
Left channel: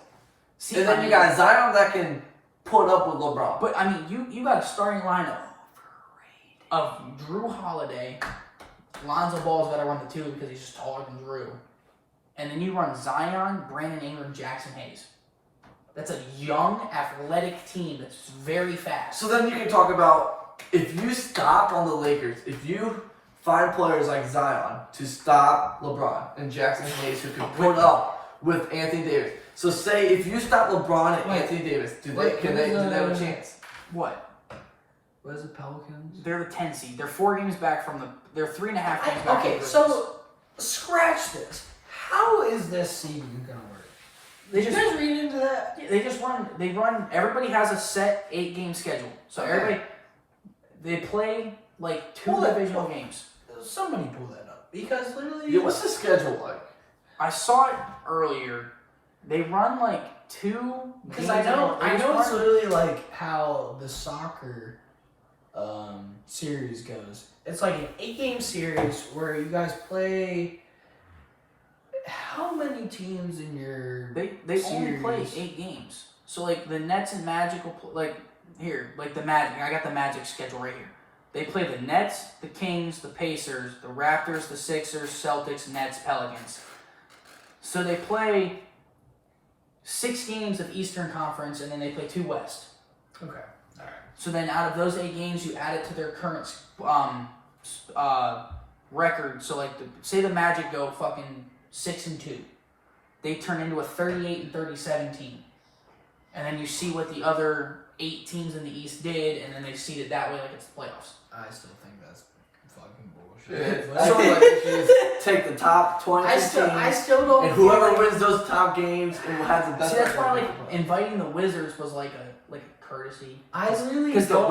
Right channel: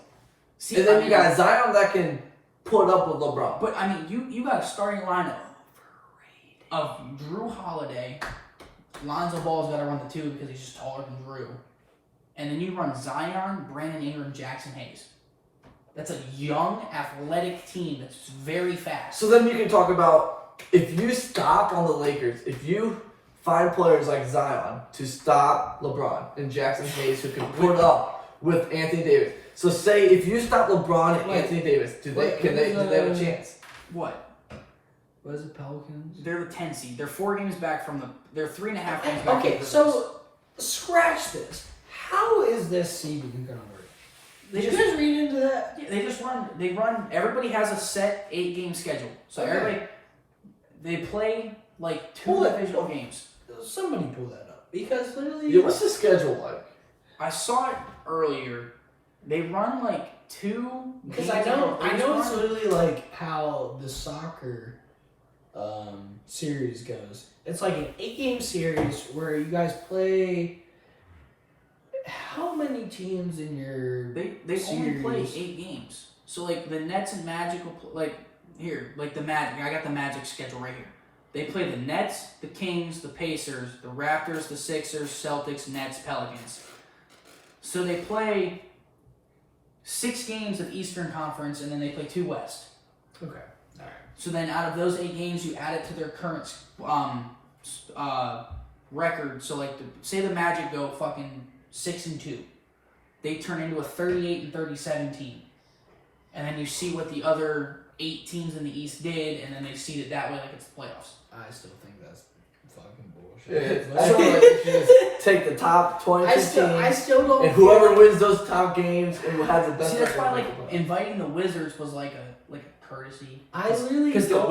See, And then you got Zion that can put up with LeBron. But, I mean, you got a starting lineup of Drew Holiday. Lonzo Ball's got to run the 2 because he's just taller than Drew. And then you run Zion, Brandon Ingram, Jackson Hayes. That's a young, athletic team that's very fast. So then you can talk about, if you stop on the Lakers, if you find players like Zion to stop LeBron and Jackson Hayes who can put up with Anthony Davis. So say if you stop LeBron and Anthony Davis, do they have a chance? What? What is the Pelicans? They're the 10 seed. They're 4 games back from the... They're 3.5 games back. Okay, so scratch this. How is this seeding going to work? Did you guys read into that? Yeah, they run. Everybody has a set 8-game schedule. So everybody, they play like 2 divisional games. Somebody pull that up because literally. Yeah, what's the schedule like? I saw it earlier. They run like 2. Because I know it's literally like how the soccer series goes. It's like an 8-game series where you guys play. How many teams in your They only play 8 games. So like the Nets and Magic will like the Magic. I got the Magic schedule right here. They play the Nets, the Kings, the Pacers, the Raptors, the Sixers, Celtics, Nets, Pelicans. So they play 6 games of Eastern Conference, and then they play 2 West. Okay. All right. So then out of those 8 games, you add it to their current record. So like say the Magic go fucking 6-2, they turn into a 38-37 team, and then you see what the other 8 teams in the East did, and then they seed it that way like it's the playoffs. I still think that's fucking bullshit. Yeah, that's like you should just take the top 22 teams. I still don't. And whoever wins those top games and will have the best. See, that's why like inviting the Wizards was like a courtesy. I really because the don't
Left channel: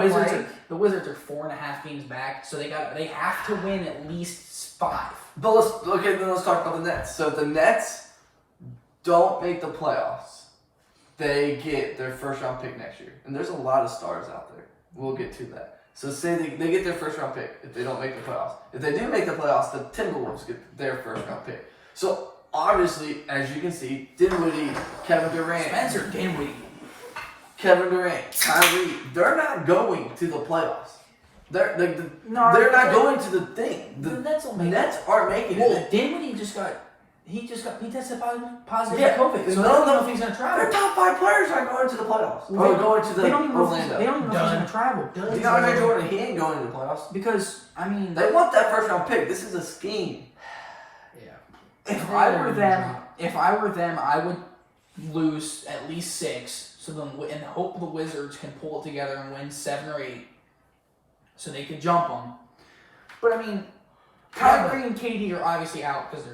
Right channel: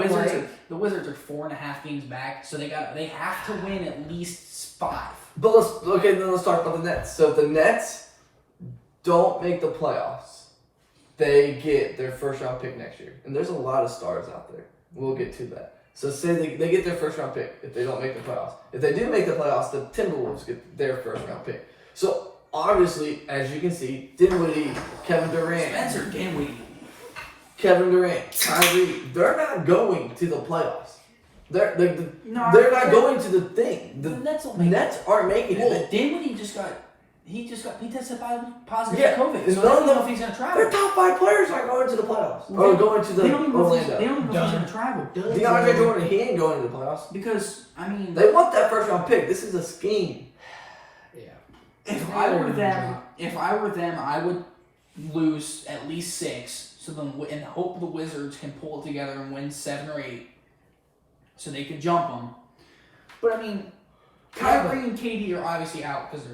Wizards are 4.5 games back, so they have to win at least 5. But let's talk about the Nets. So if the Nets don't make the playoffs, they get their first round pick next year. And there's a lot of stars out there. We'll get to that. So say they get their first round pick if they don't make the playoffs. If they do make the playoffs, the Timberwolves get their first round pick. So obviously, as you can see, Dinwiddie, Kevin Durant, Spencer Dinwiddie, Kyrie, they're not going to the playoffs. They're not going to the thing. The Nets will make Nets aren't making it. Well, Dinwiddie just tested positive Yeah, for COVID. So I none don't of know them- if he's gonna travel. Their top 5 players aren't going to the playoffs. Or going to the They don't even know if Orlando. he's gonna travel. DeAndre Jordan, he ain't going to the playoffs. Because I mean, They want that first round pick. This is a scheme. Yeah. if I were them, I would lose at least 6, so then and hope the Wizards can pull it together and win 7 or 8, so they could jump them. But I mean, Kyrie and KD are obviously out because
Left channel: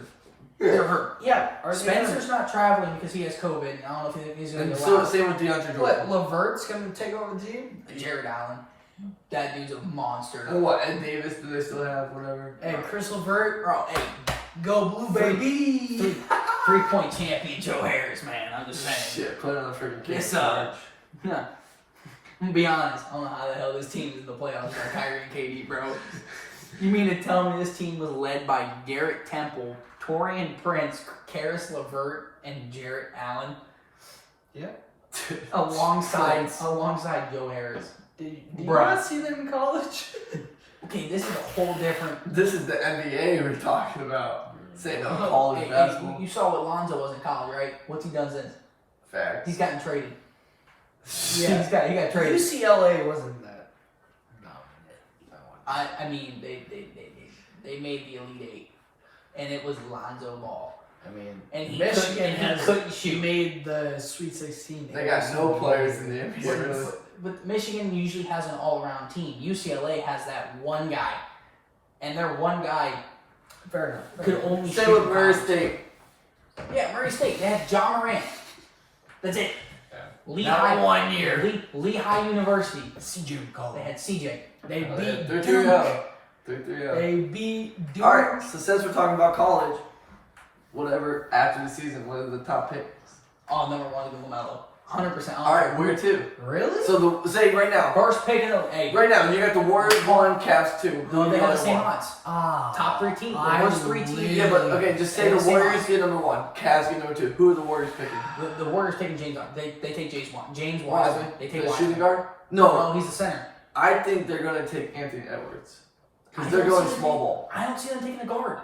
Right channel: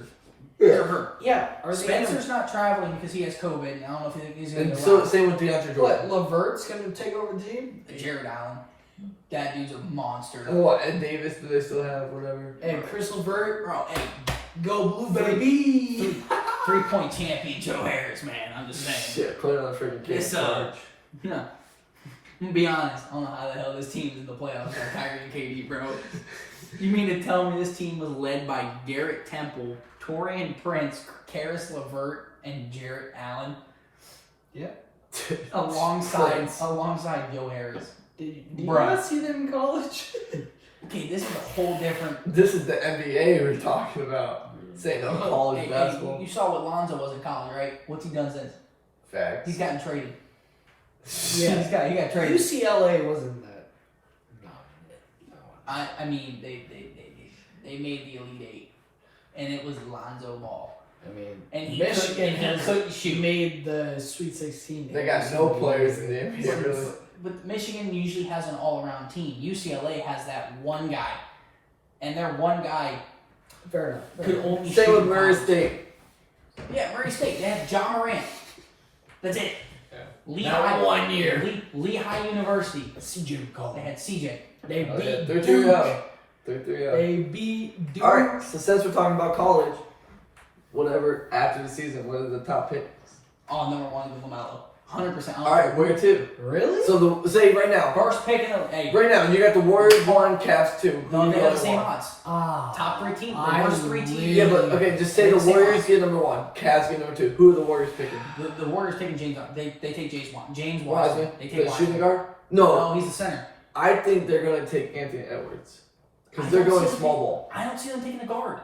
they're hurt. Yeah. Spencer's not traveling because he has COVID. I don't know if he's gonna And be so allowed. same with DeAndre What? Jordan. Levert's gonna take over the team? Jared Allen, that dude's a monster. And what? Ed Davis? Do they still have whatever? Hey, Chris Levert, Bro, hey, go blue baby! 3-point champion Joe Harris, man. I'm just saying. Shit, put it on a freaking kid. Yes, I'm gonna be honest. I don't know how the hell this team's in the playoffs with Kyrie and KD, bro. You mean to tell me this team was led by Garrett Temple, Torian Prince, Karis LeVert, and Jarrett Allen? Yeah. Alongside Joe Harris. Did you Bruh. not see them in college? Okay, this is a whole different. This is the NBA we're talking about. Saying no college Hey, basketball. you saw what Lonzo was in college, right? What's he done since? Fact. He's gotten traded. Yeah. he got traded. UCLA wasn't that. No. I mean, they made the Elite 8, and it was Lonzo Ball. I mean, And he Michigan couldn't shoot. made the Sweet 16. They got no players in the NBA, really. But Michigan usually has an all-around team. UCLA has that one guy, and their one guy Fair enough. could only Stay shoot with in Murray college. State. Yeah, Murray State. They had John Morant. That's it. Yeah. Lehigh, That 1 year. Lehigh University. CJ McCollum. They had CJ. They Oh, beat yeah, they're Duke. 3-0. They're 3-0. They beat Duke. Alright, so since we're talking about college, whatever, after the season, what are the top picks? Oh, number 1 is Lamelo. 100%. All right, where to? Really? So say right now. First pick in the Right now, you got the Warriors 1, Cavs 2. No, they You have got the same one. odds. Ah, Top 3 teams. The I worst 3 teams. Yeah, but okay, just say They the have the same Warriors odds. get number 1, Cavs get number 2. Who are the Warriors picking? The Warriors taking James. They take James Wiseman. Wiseman. They take The Wiseman. shooting guard? No, No, he's the center. I think they're going to take Anthony Edwards. I Because they're don't going see small them ball. I don't see them taking a guard.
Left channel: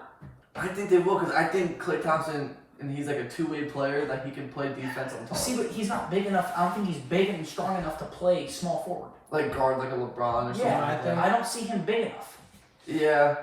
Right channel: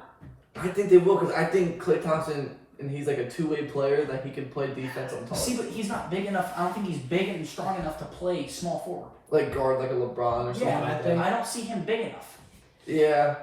I think they will because I think Klay Thompson, and he's like a two-way player that he can play defense on top. See, but he's not big enough. I don't think he's big and strong enough to play small forward. Like guard like a LeBron or something Yeah, like I that. I don't see him big enough. Yeah.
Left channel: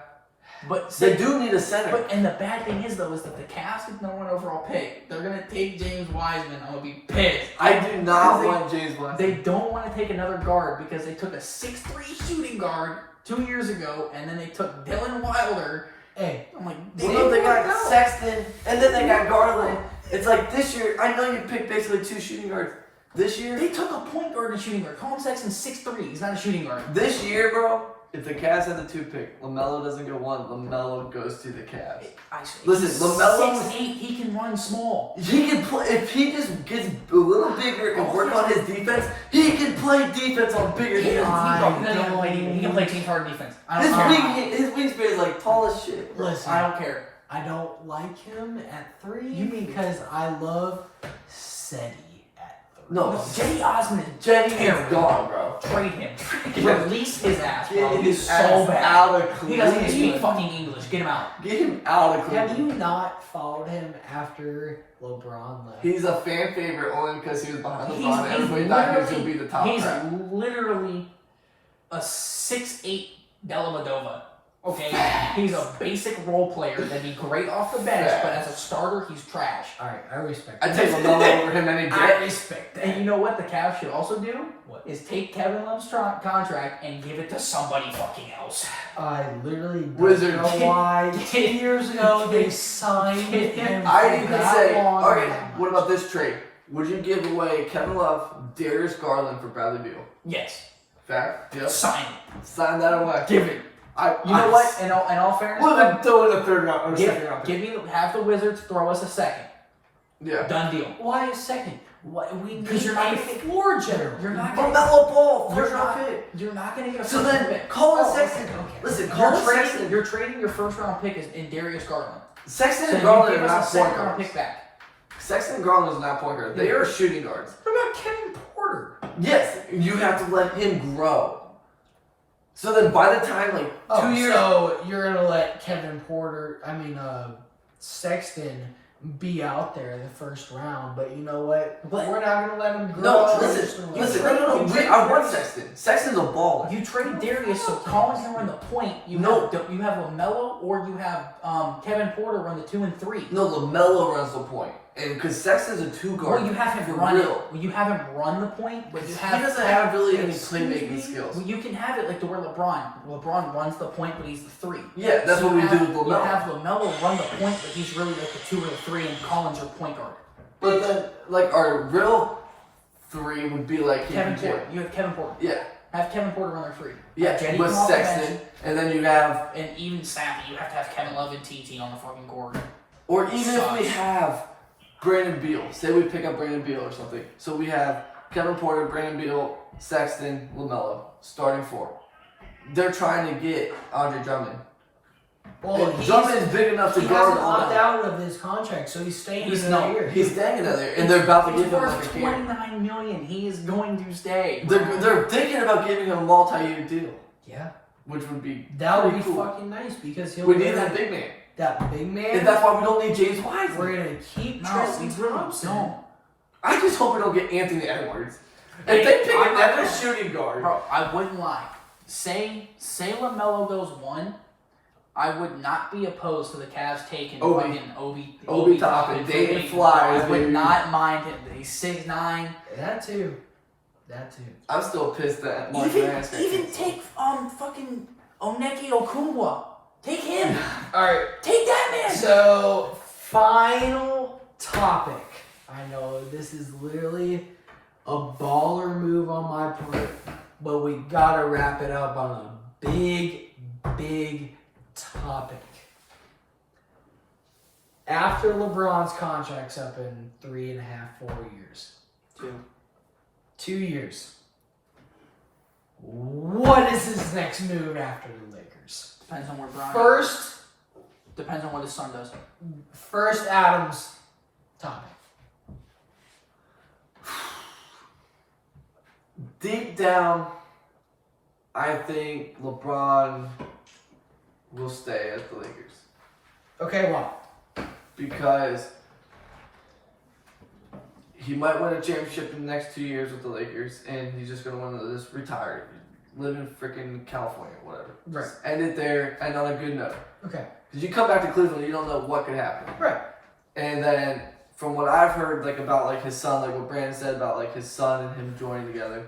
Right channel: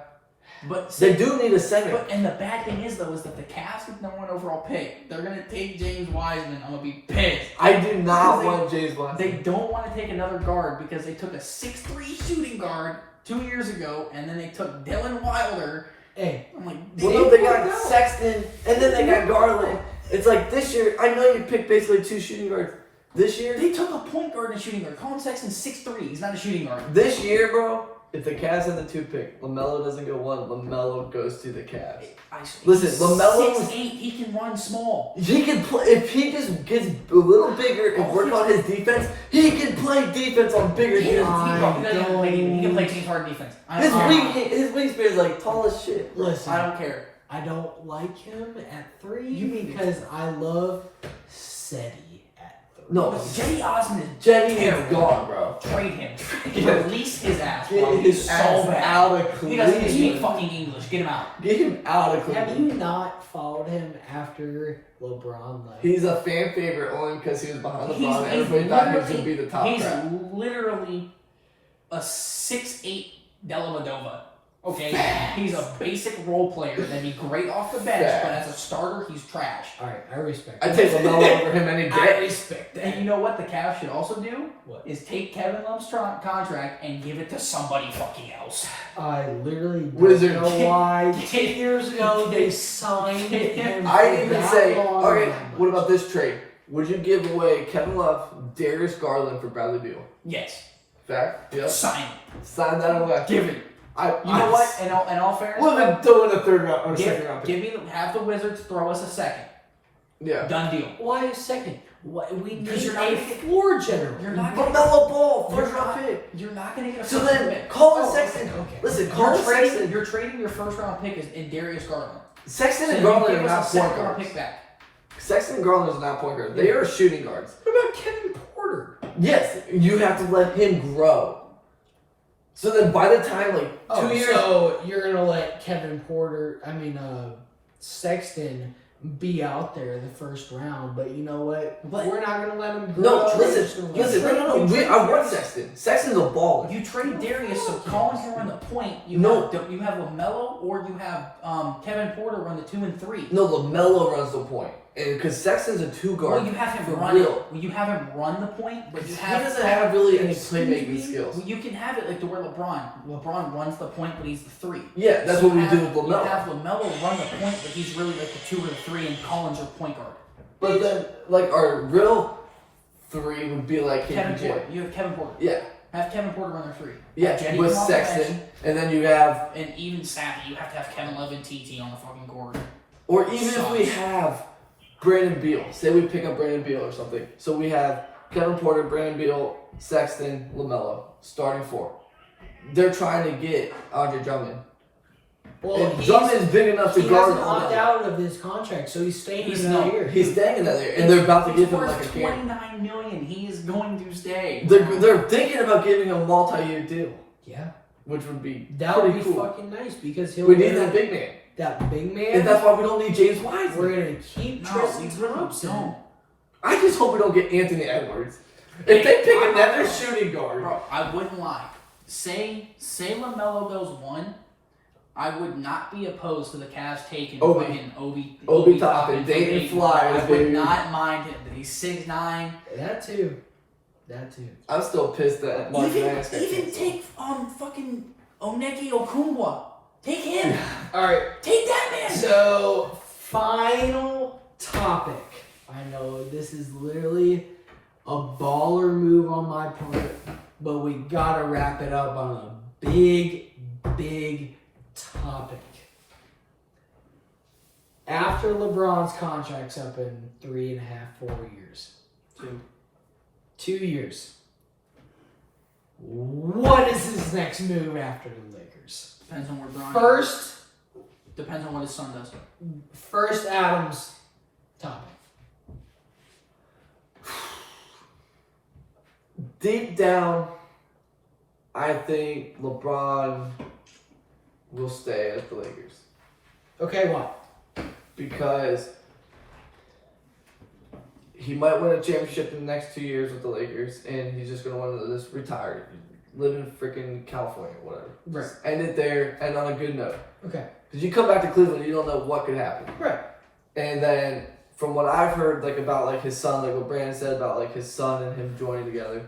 But They do need a center. But and the bad thing is though is that the Cavs get the number 1 overall pick. They're gonna take James Wiseman. I'm gonna be pissed. I do not Because they- want James Wiseman. They don't want to take another guard because they took a 6'3" shooting guard 2 years ago, and then they took Dylan Wilder. Hey, I'm like, Well, damn, no, they got Sexton, and then they got Garland. It's like this year, I know you picked basically 2 shooting guards. This year, They took a point guard and a shooting guard. Colin Sexton's 6'3". He's not a shooting guard. this year, bro, if the Cavs have the 2 pick, LaMelo doesn't go 1, LaMelo goes to the Cavs. Listen, He's LaMelo- 6'8". He can run small. He can play, if he just gets a little bigger and work on his defense, he can play defense on bigger He teams. can play James Harden defense. I His don't care. his wingspan is like tall as shit. listen. I don't care. I don't like him at 3 You mean- because I love Seti at 3. No, Jetty Osman is Jenny is terrible. gone, bro. Trade him. Yeah. Release his ass, Get bro. his He's ass so bad. out of He doesn't even speak Cleveland. fucking English. Get him out. Get him out of Have Cleveland. you not followed him after LeBron left? He's a fan favorite only because he was behind He's- LeBron. he's Everybody thought he was going to be the top He's guy. literally a 6'8" Dellavedova. Okay, he's a basic role player that'd be great off the bench, but as a starter, he's trash. Alright, I respect I that. take LaMelo over him any I day. respect that. And you know what the Cavs should also do? What? Is take Kevin Love's contract and give it to somebody fucking else. I literally don't Wizards. know why 2 years ago they signed him. I for didn't even that say, long okay, and that what much. about this trade? Would you give away Kevin Love, Darius Garland for Bradley Beal? Yes. Fact? Yep. Sign it. Sign that away. Give it. I, You know what? In all fairness, We'll even throw in a third round or give, second round pick. give me have the Wizards throw us a second. Yeah. Done deal. Why a second? Why, we Because need you're not a gonna- floor general. You're not gonna LaMelo Ball, You're first round not- pick. You're not gonna get a So first round then, pick. Colin Oh, Sexton. okay, okay. Listen, Colin Sexton. You're trading your first round pick in Darius Garland. Sexton So and you Garland give are not us a point second round guards. pick back. Sexton and Garland is not point guards. They are shooting guards. What about Kevin Porter? Yes, you have to let him grow. So then by the time, like, 2 years... So you're gonna let Sexton be out there in the first round, but you know what? But- We're not gonna let him grow. No, We're just listen, gonna listen, let him- no. I want Sexton. Sexton's a baller. You trade Darius so Collins can run the point. You No. have Lamelo or you have Kevin Porter run the 2 and 3. No, LaMelo runs the point. And because Sexton's a two guard. Well, you have him for run real. it. Well, you have him run the point, but you He have doesn't have really any Excuse playmaking me? skills. Well, you can have it like to where LeBron runs the point, but he's the 3. Yeah, that's So what we you do have- with You LaMelo. have Lamelo run the point, but he's really like the 2 or the 3, and Collins your point guard. But then, like, our real 3 would be like Kevin KPJ. Porter. You have Kevin Porter. Yeah, Have Kevin Porter run their 3. yeah, Have Jenny with come off the Sexton. bench, And then you have, and even Savvy, you have to have Kevin Love and TT on the fucking court. or even if we have Brandon Beal. Say we pick up Brandon Beal or something. So we have Kevin Porter, Brandon Beal, Sexton, LaMelo, starting 4. They're trying to get Andre Drummond. Well, And Drummond's big enough to he guard hasn't opted LaMelo. out of his contract, so he's staying He's another not. year. He's staying another year, and they're about to give him He's like a worth camp. $29 million. He is going to stay. They're thinking about giving him a multi-year deal, Yeah, which would be that would be pretty cool. fucking nice because he'll We get need that big man, that big man. and that's why we don't need James Wiseman. We're gonna keep No, Tristan we really Thompson. don't. I just hope we don't get Anthony Edwards. Hey, If they pick I- another shooting guard, Bro, I wouldn't lie. Say LaMelo goes 1, I would not be opposed to the Cavs taking Obi. fucking Obi Toppin, for Dayton me. Flyers, I would baby. not mind him. He's 6'9". That too. I'm still pissed that Mark Even Nance got even canceled. take fucking Oneke Okungwa. Take him. All right. Take that man. So, final topic. I know this is literally a baller move on my part, but we gotta wrap it up on a big topic. After LeBron's contract's up in 3.5, 4 years, 2 years. What is his next move after the Lakers? Depends on where Bronny. First, Depends on what his son does. first Adams topic. Deep down, I think LeBron will stay at the Lakers Okay, why? because he might win a championship in the next 2 years with the Lakers, and he's just gonna want to just retire, live in freaking California, whatever. Right. Just end it there, and on a good note. Okay. Because you come back to Cleveland, you don't know what could happen. Right. And then from what I've heard, like about like his son, like what Brandon said about like his son and him joining together,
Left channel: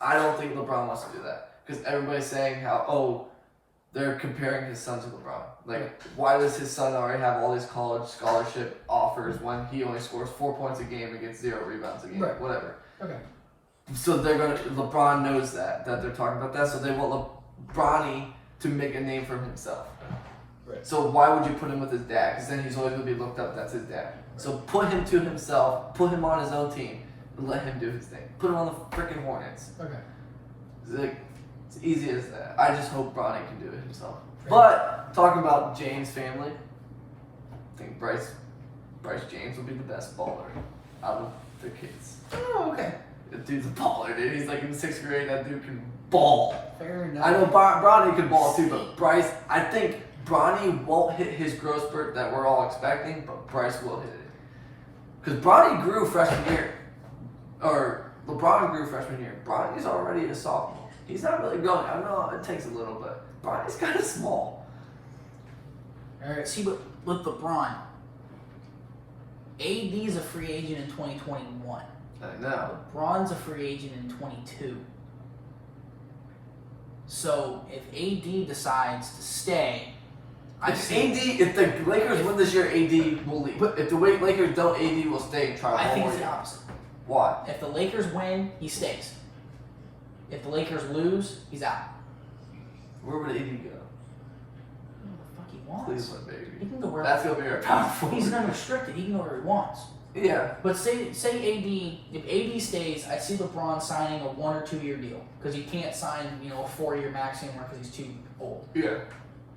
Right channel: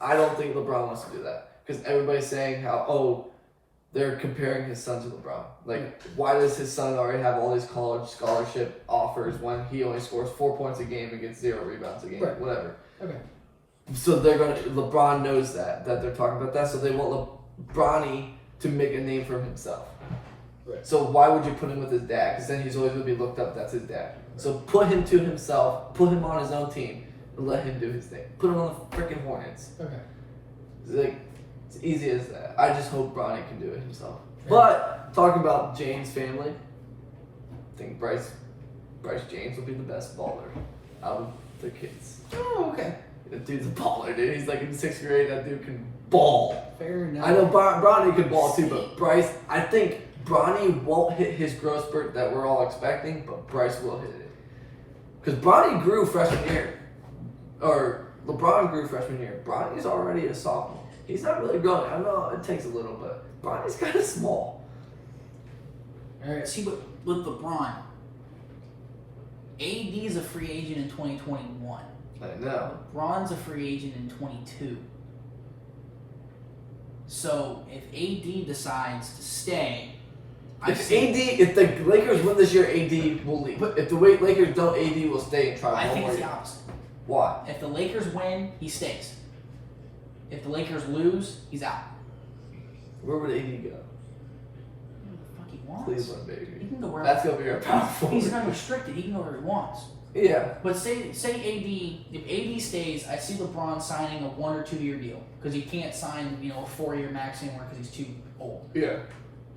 I don't think LeBron wants to do that because everybody's saying how they're comparing his son to LeBron. Like, why does his son already have all these college scholarship offers when he only scores 4 points a game and gets 0 rebounds a game? Right. Whatever. Okay. So LeBron knows that they're talking about that, so they want Bronny to make a name for himself. Right. So why would you put him with his dad? Because then he's always going to be looked up, that's his dad. Right. So put him to himself, put him on his own team, and let him do his thing. Put him on the freaking Hornets. Okay. Like, it's easy as that. I just hope Bronny can do it himself. Right. But talking about James' family, I think Bryce James will be the best baller out of the kids. Oh, okay. That dude's a baller, dude. He's like in 6th grade. That dude can ball. Fair enough. I know Bronny can ball too, but Bryce, I think Bronny won't hit his growth spurt that we're all expecting, but Bryce will hit it. Because Bronny grew freshman year. Or LeBron grew freshman year. Bronny's already a sophomore. He's not really growing. I know it takes a little, but Bronny's kind of small. All right. See, with LeBron, AD is a free agent in 2021. I know. LeBron's a free agent in 22. So if AD decides to stay, If the Lakers win this year, AD will leave. If the Lakers don't, AD will stay and try. I think it's the opposite. Why? If the Lakers win, he stays. If the Lakers lose, he's out. Where would AD go? Where the fuck he wants. Cleveland, He baby. can go where That's gonna be our power forward. he's unrestricted. He can go where he wants. Yeah. But say AD, if AD stays, I see LeBron signing a 1 or 2 year deal because he can't sign a 4-year max anymore because he's too old. Yeah.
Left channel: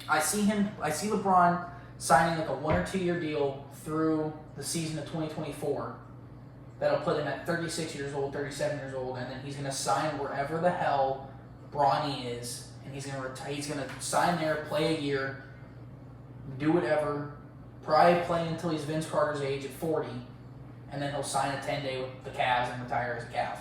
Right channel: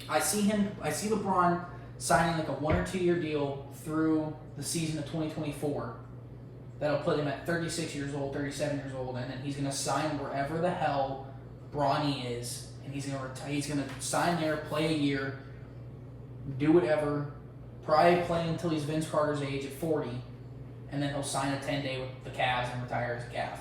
I see LeBron signing like a 1 or 2 year deal through the season of 2024. That'll put him at 36 years old, 37 years old, and then he's gonna sign wherever the hell Bronny is, and he's gonna sign there, play a year, do whatever, probably play until he's Vince Carter's age at 40, and then he'll sign a 10-day with the Cavs and retire as a Cav.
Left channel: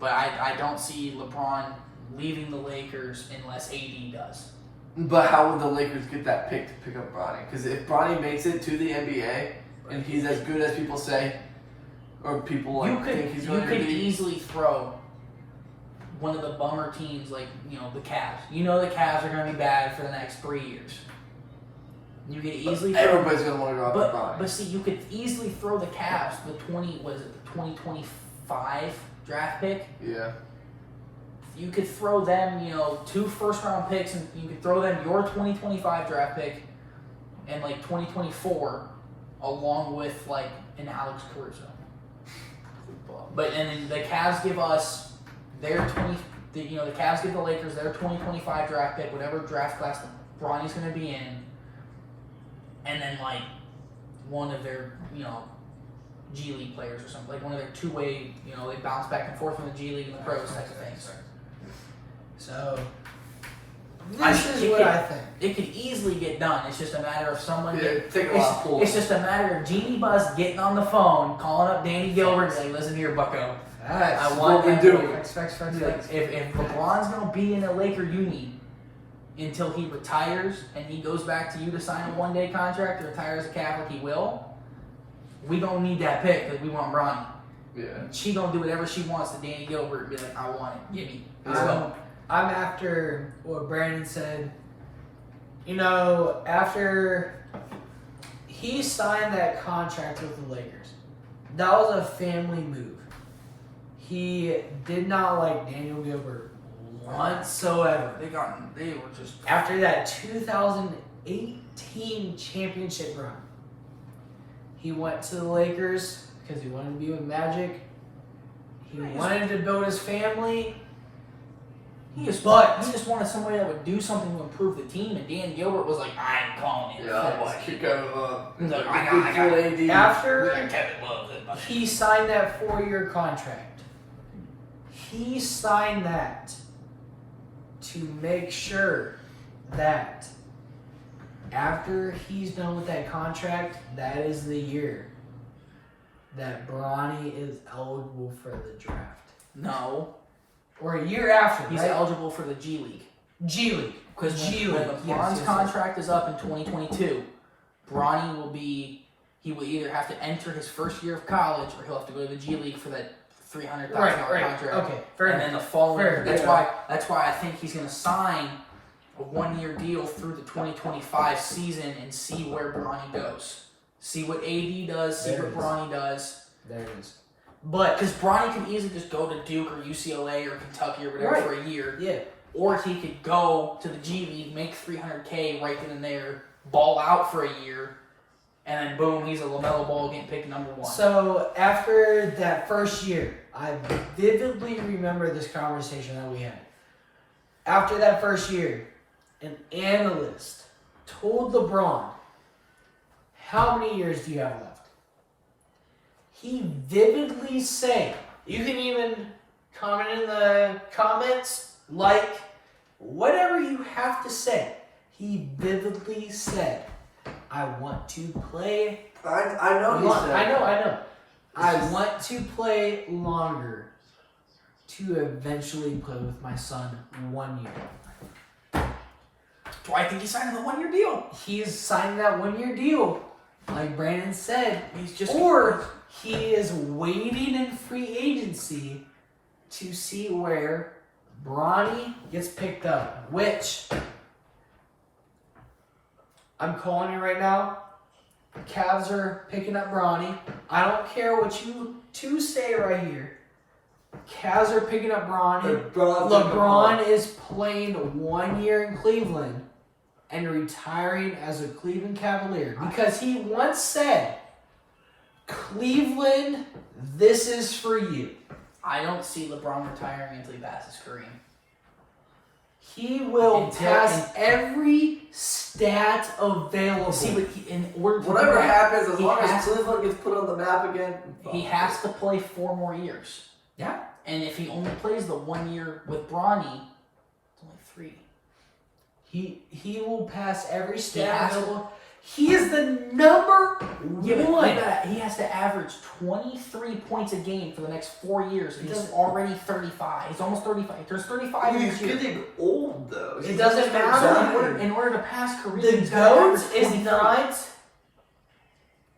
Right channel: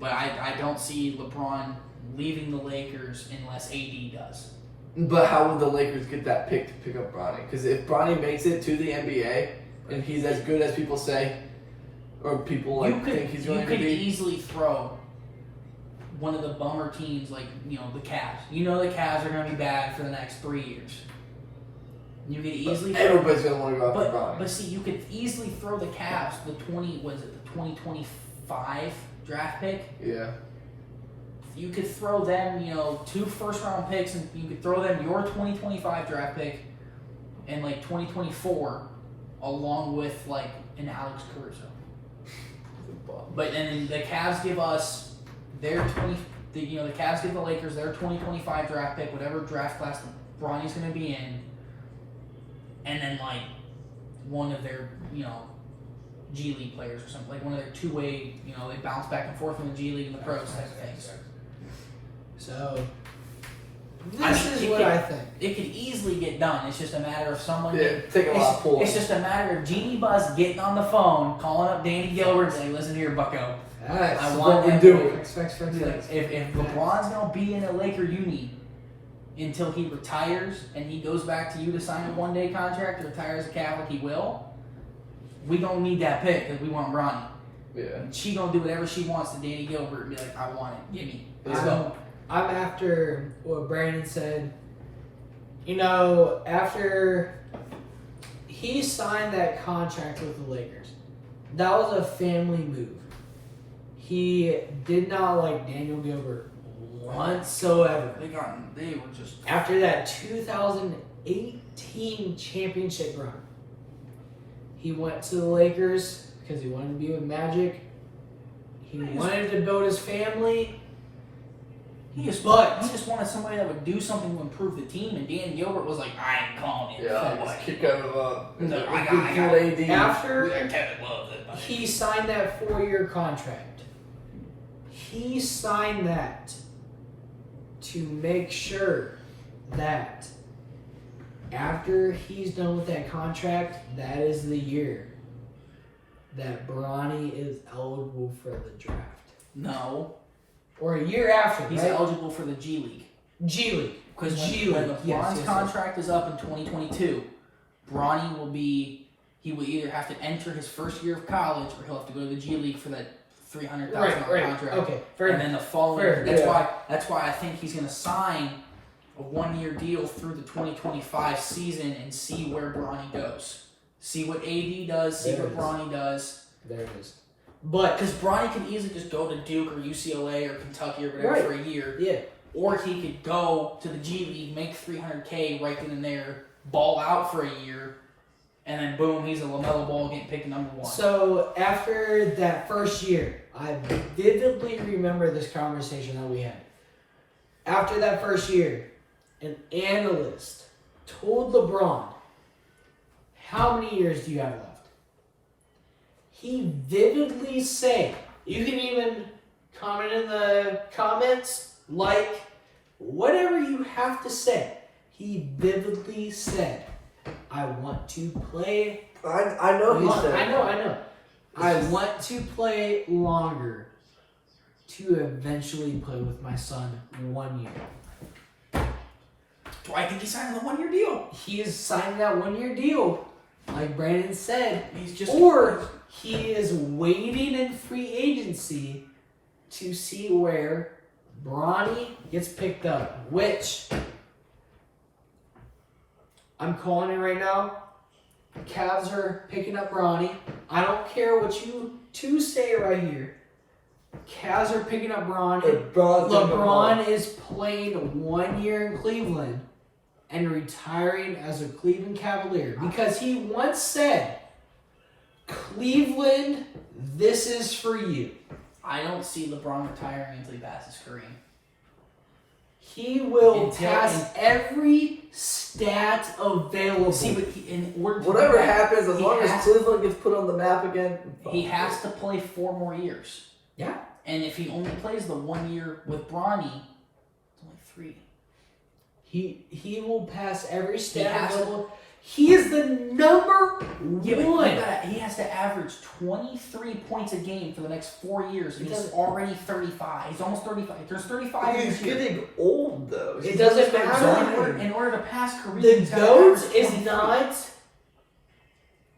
But I don't see LeBron leaving the Lakers unless AD does. But how would the Lakers get that pick to pick up Bronny? Because if Bronny makes it to the NBA and he's as good as people say, or people think he's going to be, you could easily throw one of the bummer teams like the Cavs. You know the Cavs are going to be bad for the next 3 years. You could easily. Everybody's going to want to go after Bronny. But see, you could easily throw the Cavs the 2025 draft pick. Yeah. You could throw them, 2 first-round picks, and you could throw them your 2025 draft pick and 2024, along with an Alex Caruso. But and then the Cavs give us their the Cavs give the Lakers their 2025 draft pick, whatever draft class Bronny's going to be in, and then one of their G League players or something, one of their two-way, they bounce back and forth from the G League and the pros type of things. So, this is what I think. It could easily get done. It's just a matter of someone. Taking a lot of pulls. It's just a matter of Jeannie Buss getting on the phone, calling up Danny Gilbert, and saying, "Listen here, Bucko. That's I want what we that do." boy." If LeBron's gonna be in a Laker uni until he retires and he goes back to you to sign a 1-day contract or retires a Catholic, he will. We don't need that pick because we want Bronny. Yeah. And she gonna do whatever she wants to Danny Gilbert and be like, "I want it. Give me." I'm after what Brandon said. After he signed that contract with the Lakers, that was a family move. He did not like Daniel Gilbert whatsoever. They were just After that 2018 championship run, he went to the Lakers because he wanted to be with Magic. He wanted to build his family. He just wanted somebody that would do something to improve the team, and Dan Gilbert was like, I ain't calling it. Yeah, kick out of No, AD. After he signed that 4-year contract, he signed that to make sure that after he's done with that contract, that is the year that Bronny is eligible for the draft. No. Or a year after, He's right? eligible for the G League. G League. Because G League. when LeBron's contract is up in 2022, Bronny will either have to enter his first year of college or he'll have to go to the G League for that $300,000 contract. Okay, fair And enough. then the following Fair, year, that's why I think he's going to sign a 1-year deal through the 2025 season and see where Bronny goes. See what AD does, see what Bronny does. There it is. But Because Bronny could easily just go to Duke or UCLA or Kentucky or whatever for a year. yeah. Or he could go to the G League, make $300K right then and there, ball out for a year, and then boom, he's a Lamelo Ball getting picked number 1. So after that first year, I vividly remember this conversation that we had. After that first year, an analyst told LeBron, how many years do you have left? He vividly said, you can even comment in the comments, like, whatever you have to say. He vividly said, I want to play. I know he said. I know. I want to play longer to eventually play with my son 1 year. Why think he signed a 1-year deal? He is signing that 1-year deal, like Brandon said. Or he is waiting in free agency to see where Bronny gets picked up, which I'm calling it right now. Cavs are picking up Bronny. I don't care what you two say right here. Cavs are picking up Bronny. LeBron is playing 1 year in Cleveland and retiring as a Cleveland Cavalier because he once said, Cleveland, this is for you. I don't see LeBron retiring until he passes Kareem. He will pass every stat available. See, but in order to Whatever do that, happens, as long as Cleveland gets put on the map again, he has to play 4 more years. Yeah. And if he only plays the 1 year with Bronny, it's only 3. He will pass every stat available. He is the number one. He has to average 23 points a game for the next 4 years. And he's already 35. He's almost 35. There's 35 He's this year. getting old, though. It doesn't matter. In order to pass Kareem, The he's gotta GOAT average is 23. not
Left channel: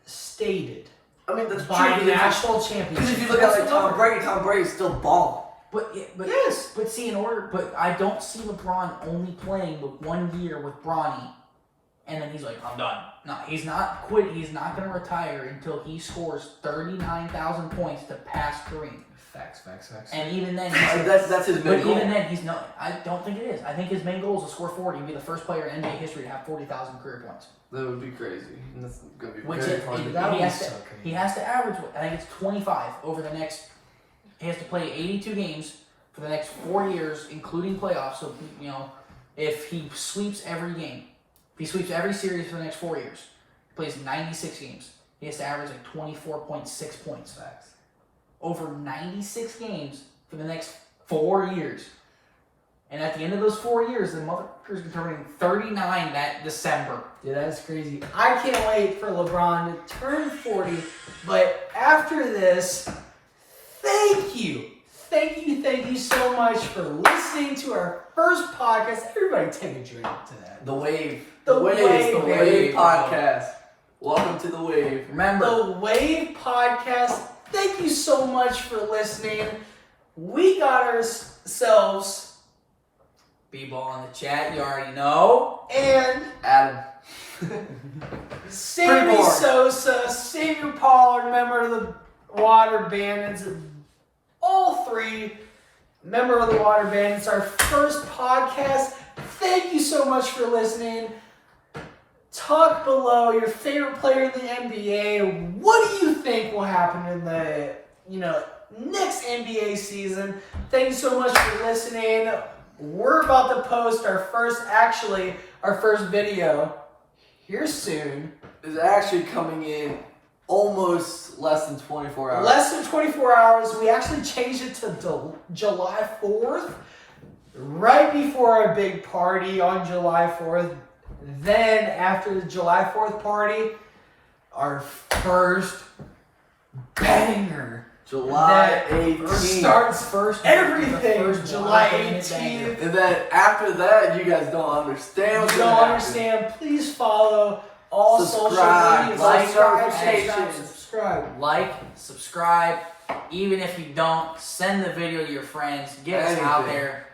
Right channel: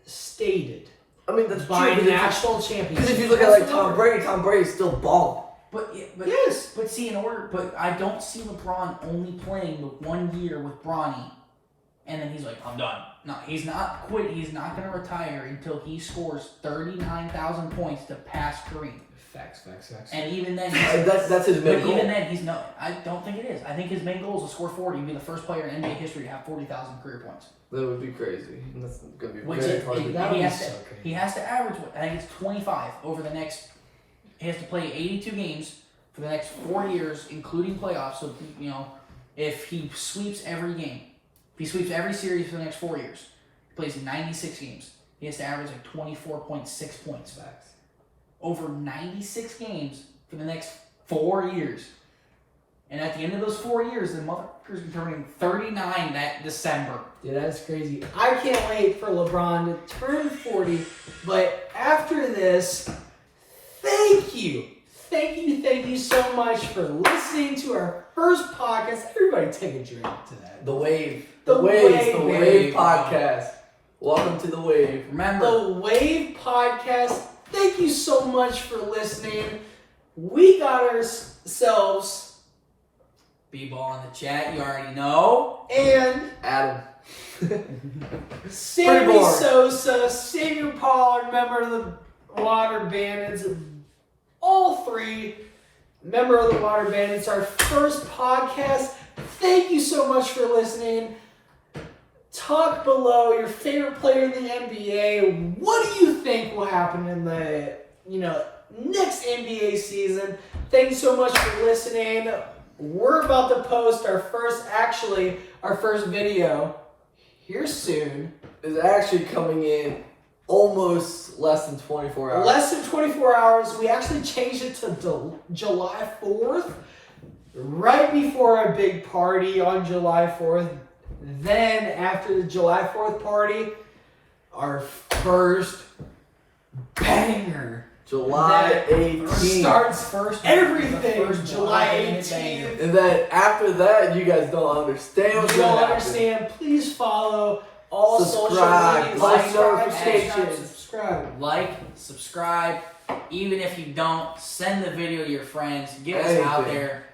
stated I mean, that's by true. national championship. Because if you look at like Tom Brady's still balling. But Yes. But see, but I don't see LeBron only playing the 1 year with Bronny, and then he's like, I'm done. No, he's not quit. He's not going to retire until he scores 39,000 points to pass Kareem. Facts. And even then, That's his main but goal. even then, he's not. I don't think it is. I think his main goal is to score 40 and be the first player in NBA history to have 40,000 career points. That would be crazy. That's going to be Which very hard to do. he has to average. I think it's 25 over the next. He has to play 82 games for the next 4 years, including playoffs. So if he sweeps every game, if he sweeps every series for the next 4 years, he plays 96 games. He has to average like 24.6 points. Facts. Over 96 games for the next 4 years. And at the end of those 4 years, the motherfucker's turning 39 that December. Dude, that's crazy. I can't wait for LeBron to turn 40. But after this, thank you so much for listening to our first podcast. Everybody take a drink to that. The Wave. The Wave, The baby. Wave podcast. Welcome to The Wave. Remember, The Wave Podcast. Thank you so much for listening. We got ourselves B-ball in the chat, you already know. and Adam. Sammy boring. Sosa, Xavier Pollard, member of the Water Bandits. All three member of the Water Bandits. Our first podcast. Thank you so much for listening. Talk below your favorite player in the NBA. What do you think will happen in the next NBA season. Thank you so much for listening. We're about to post our first video here soon. It's actually coming in almost less than 24 hours. Less than 24 hours. We actually changed it to July 4th, right before our big party on July 4th. Then, after the July 4th party, our first banger. July that 18th. starts First everything. first July banger. 18th. And then after that, you guys don't understand what's You going don't to happen. understand. Please follow all Subscribe, social like, media. notifications. Subscribe. Like, subscribe. Even if you don't, send the video to your friends. Get us out Anything. there.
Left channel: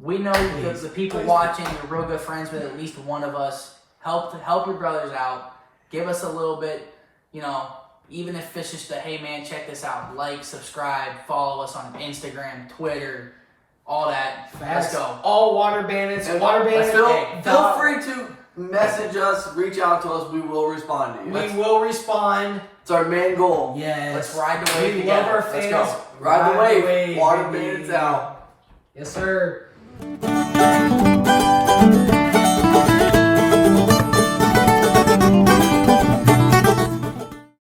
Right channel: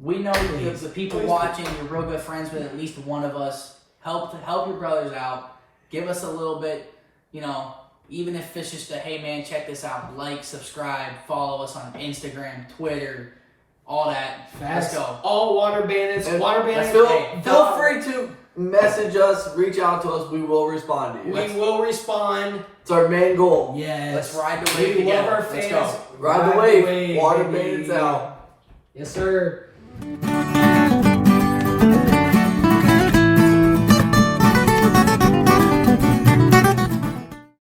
We know Please. the people Please. watching, you're real good friends with at least one of us. Help your brothers out. Give us a little bit, even if it's just a, hey man, check this out. Like, subscribe, follow us on Instagram, Twitter, all that. Facts. Let's go. All water bandits. And Water bandits. Feel free to message us, reach out to us. We will respond to you. We will respond. It's our main goal. Yes. Let's ride the wave We together. love our Let's fans. go. Ride the wave. Water baby. bandits out. Yes, sir.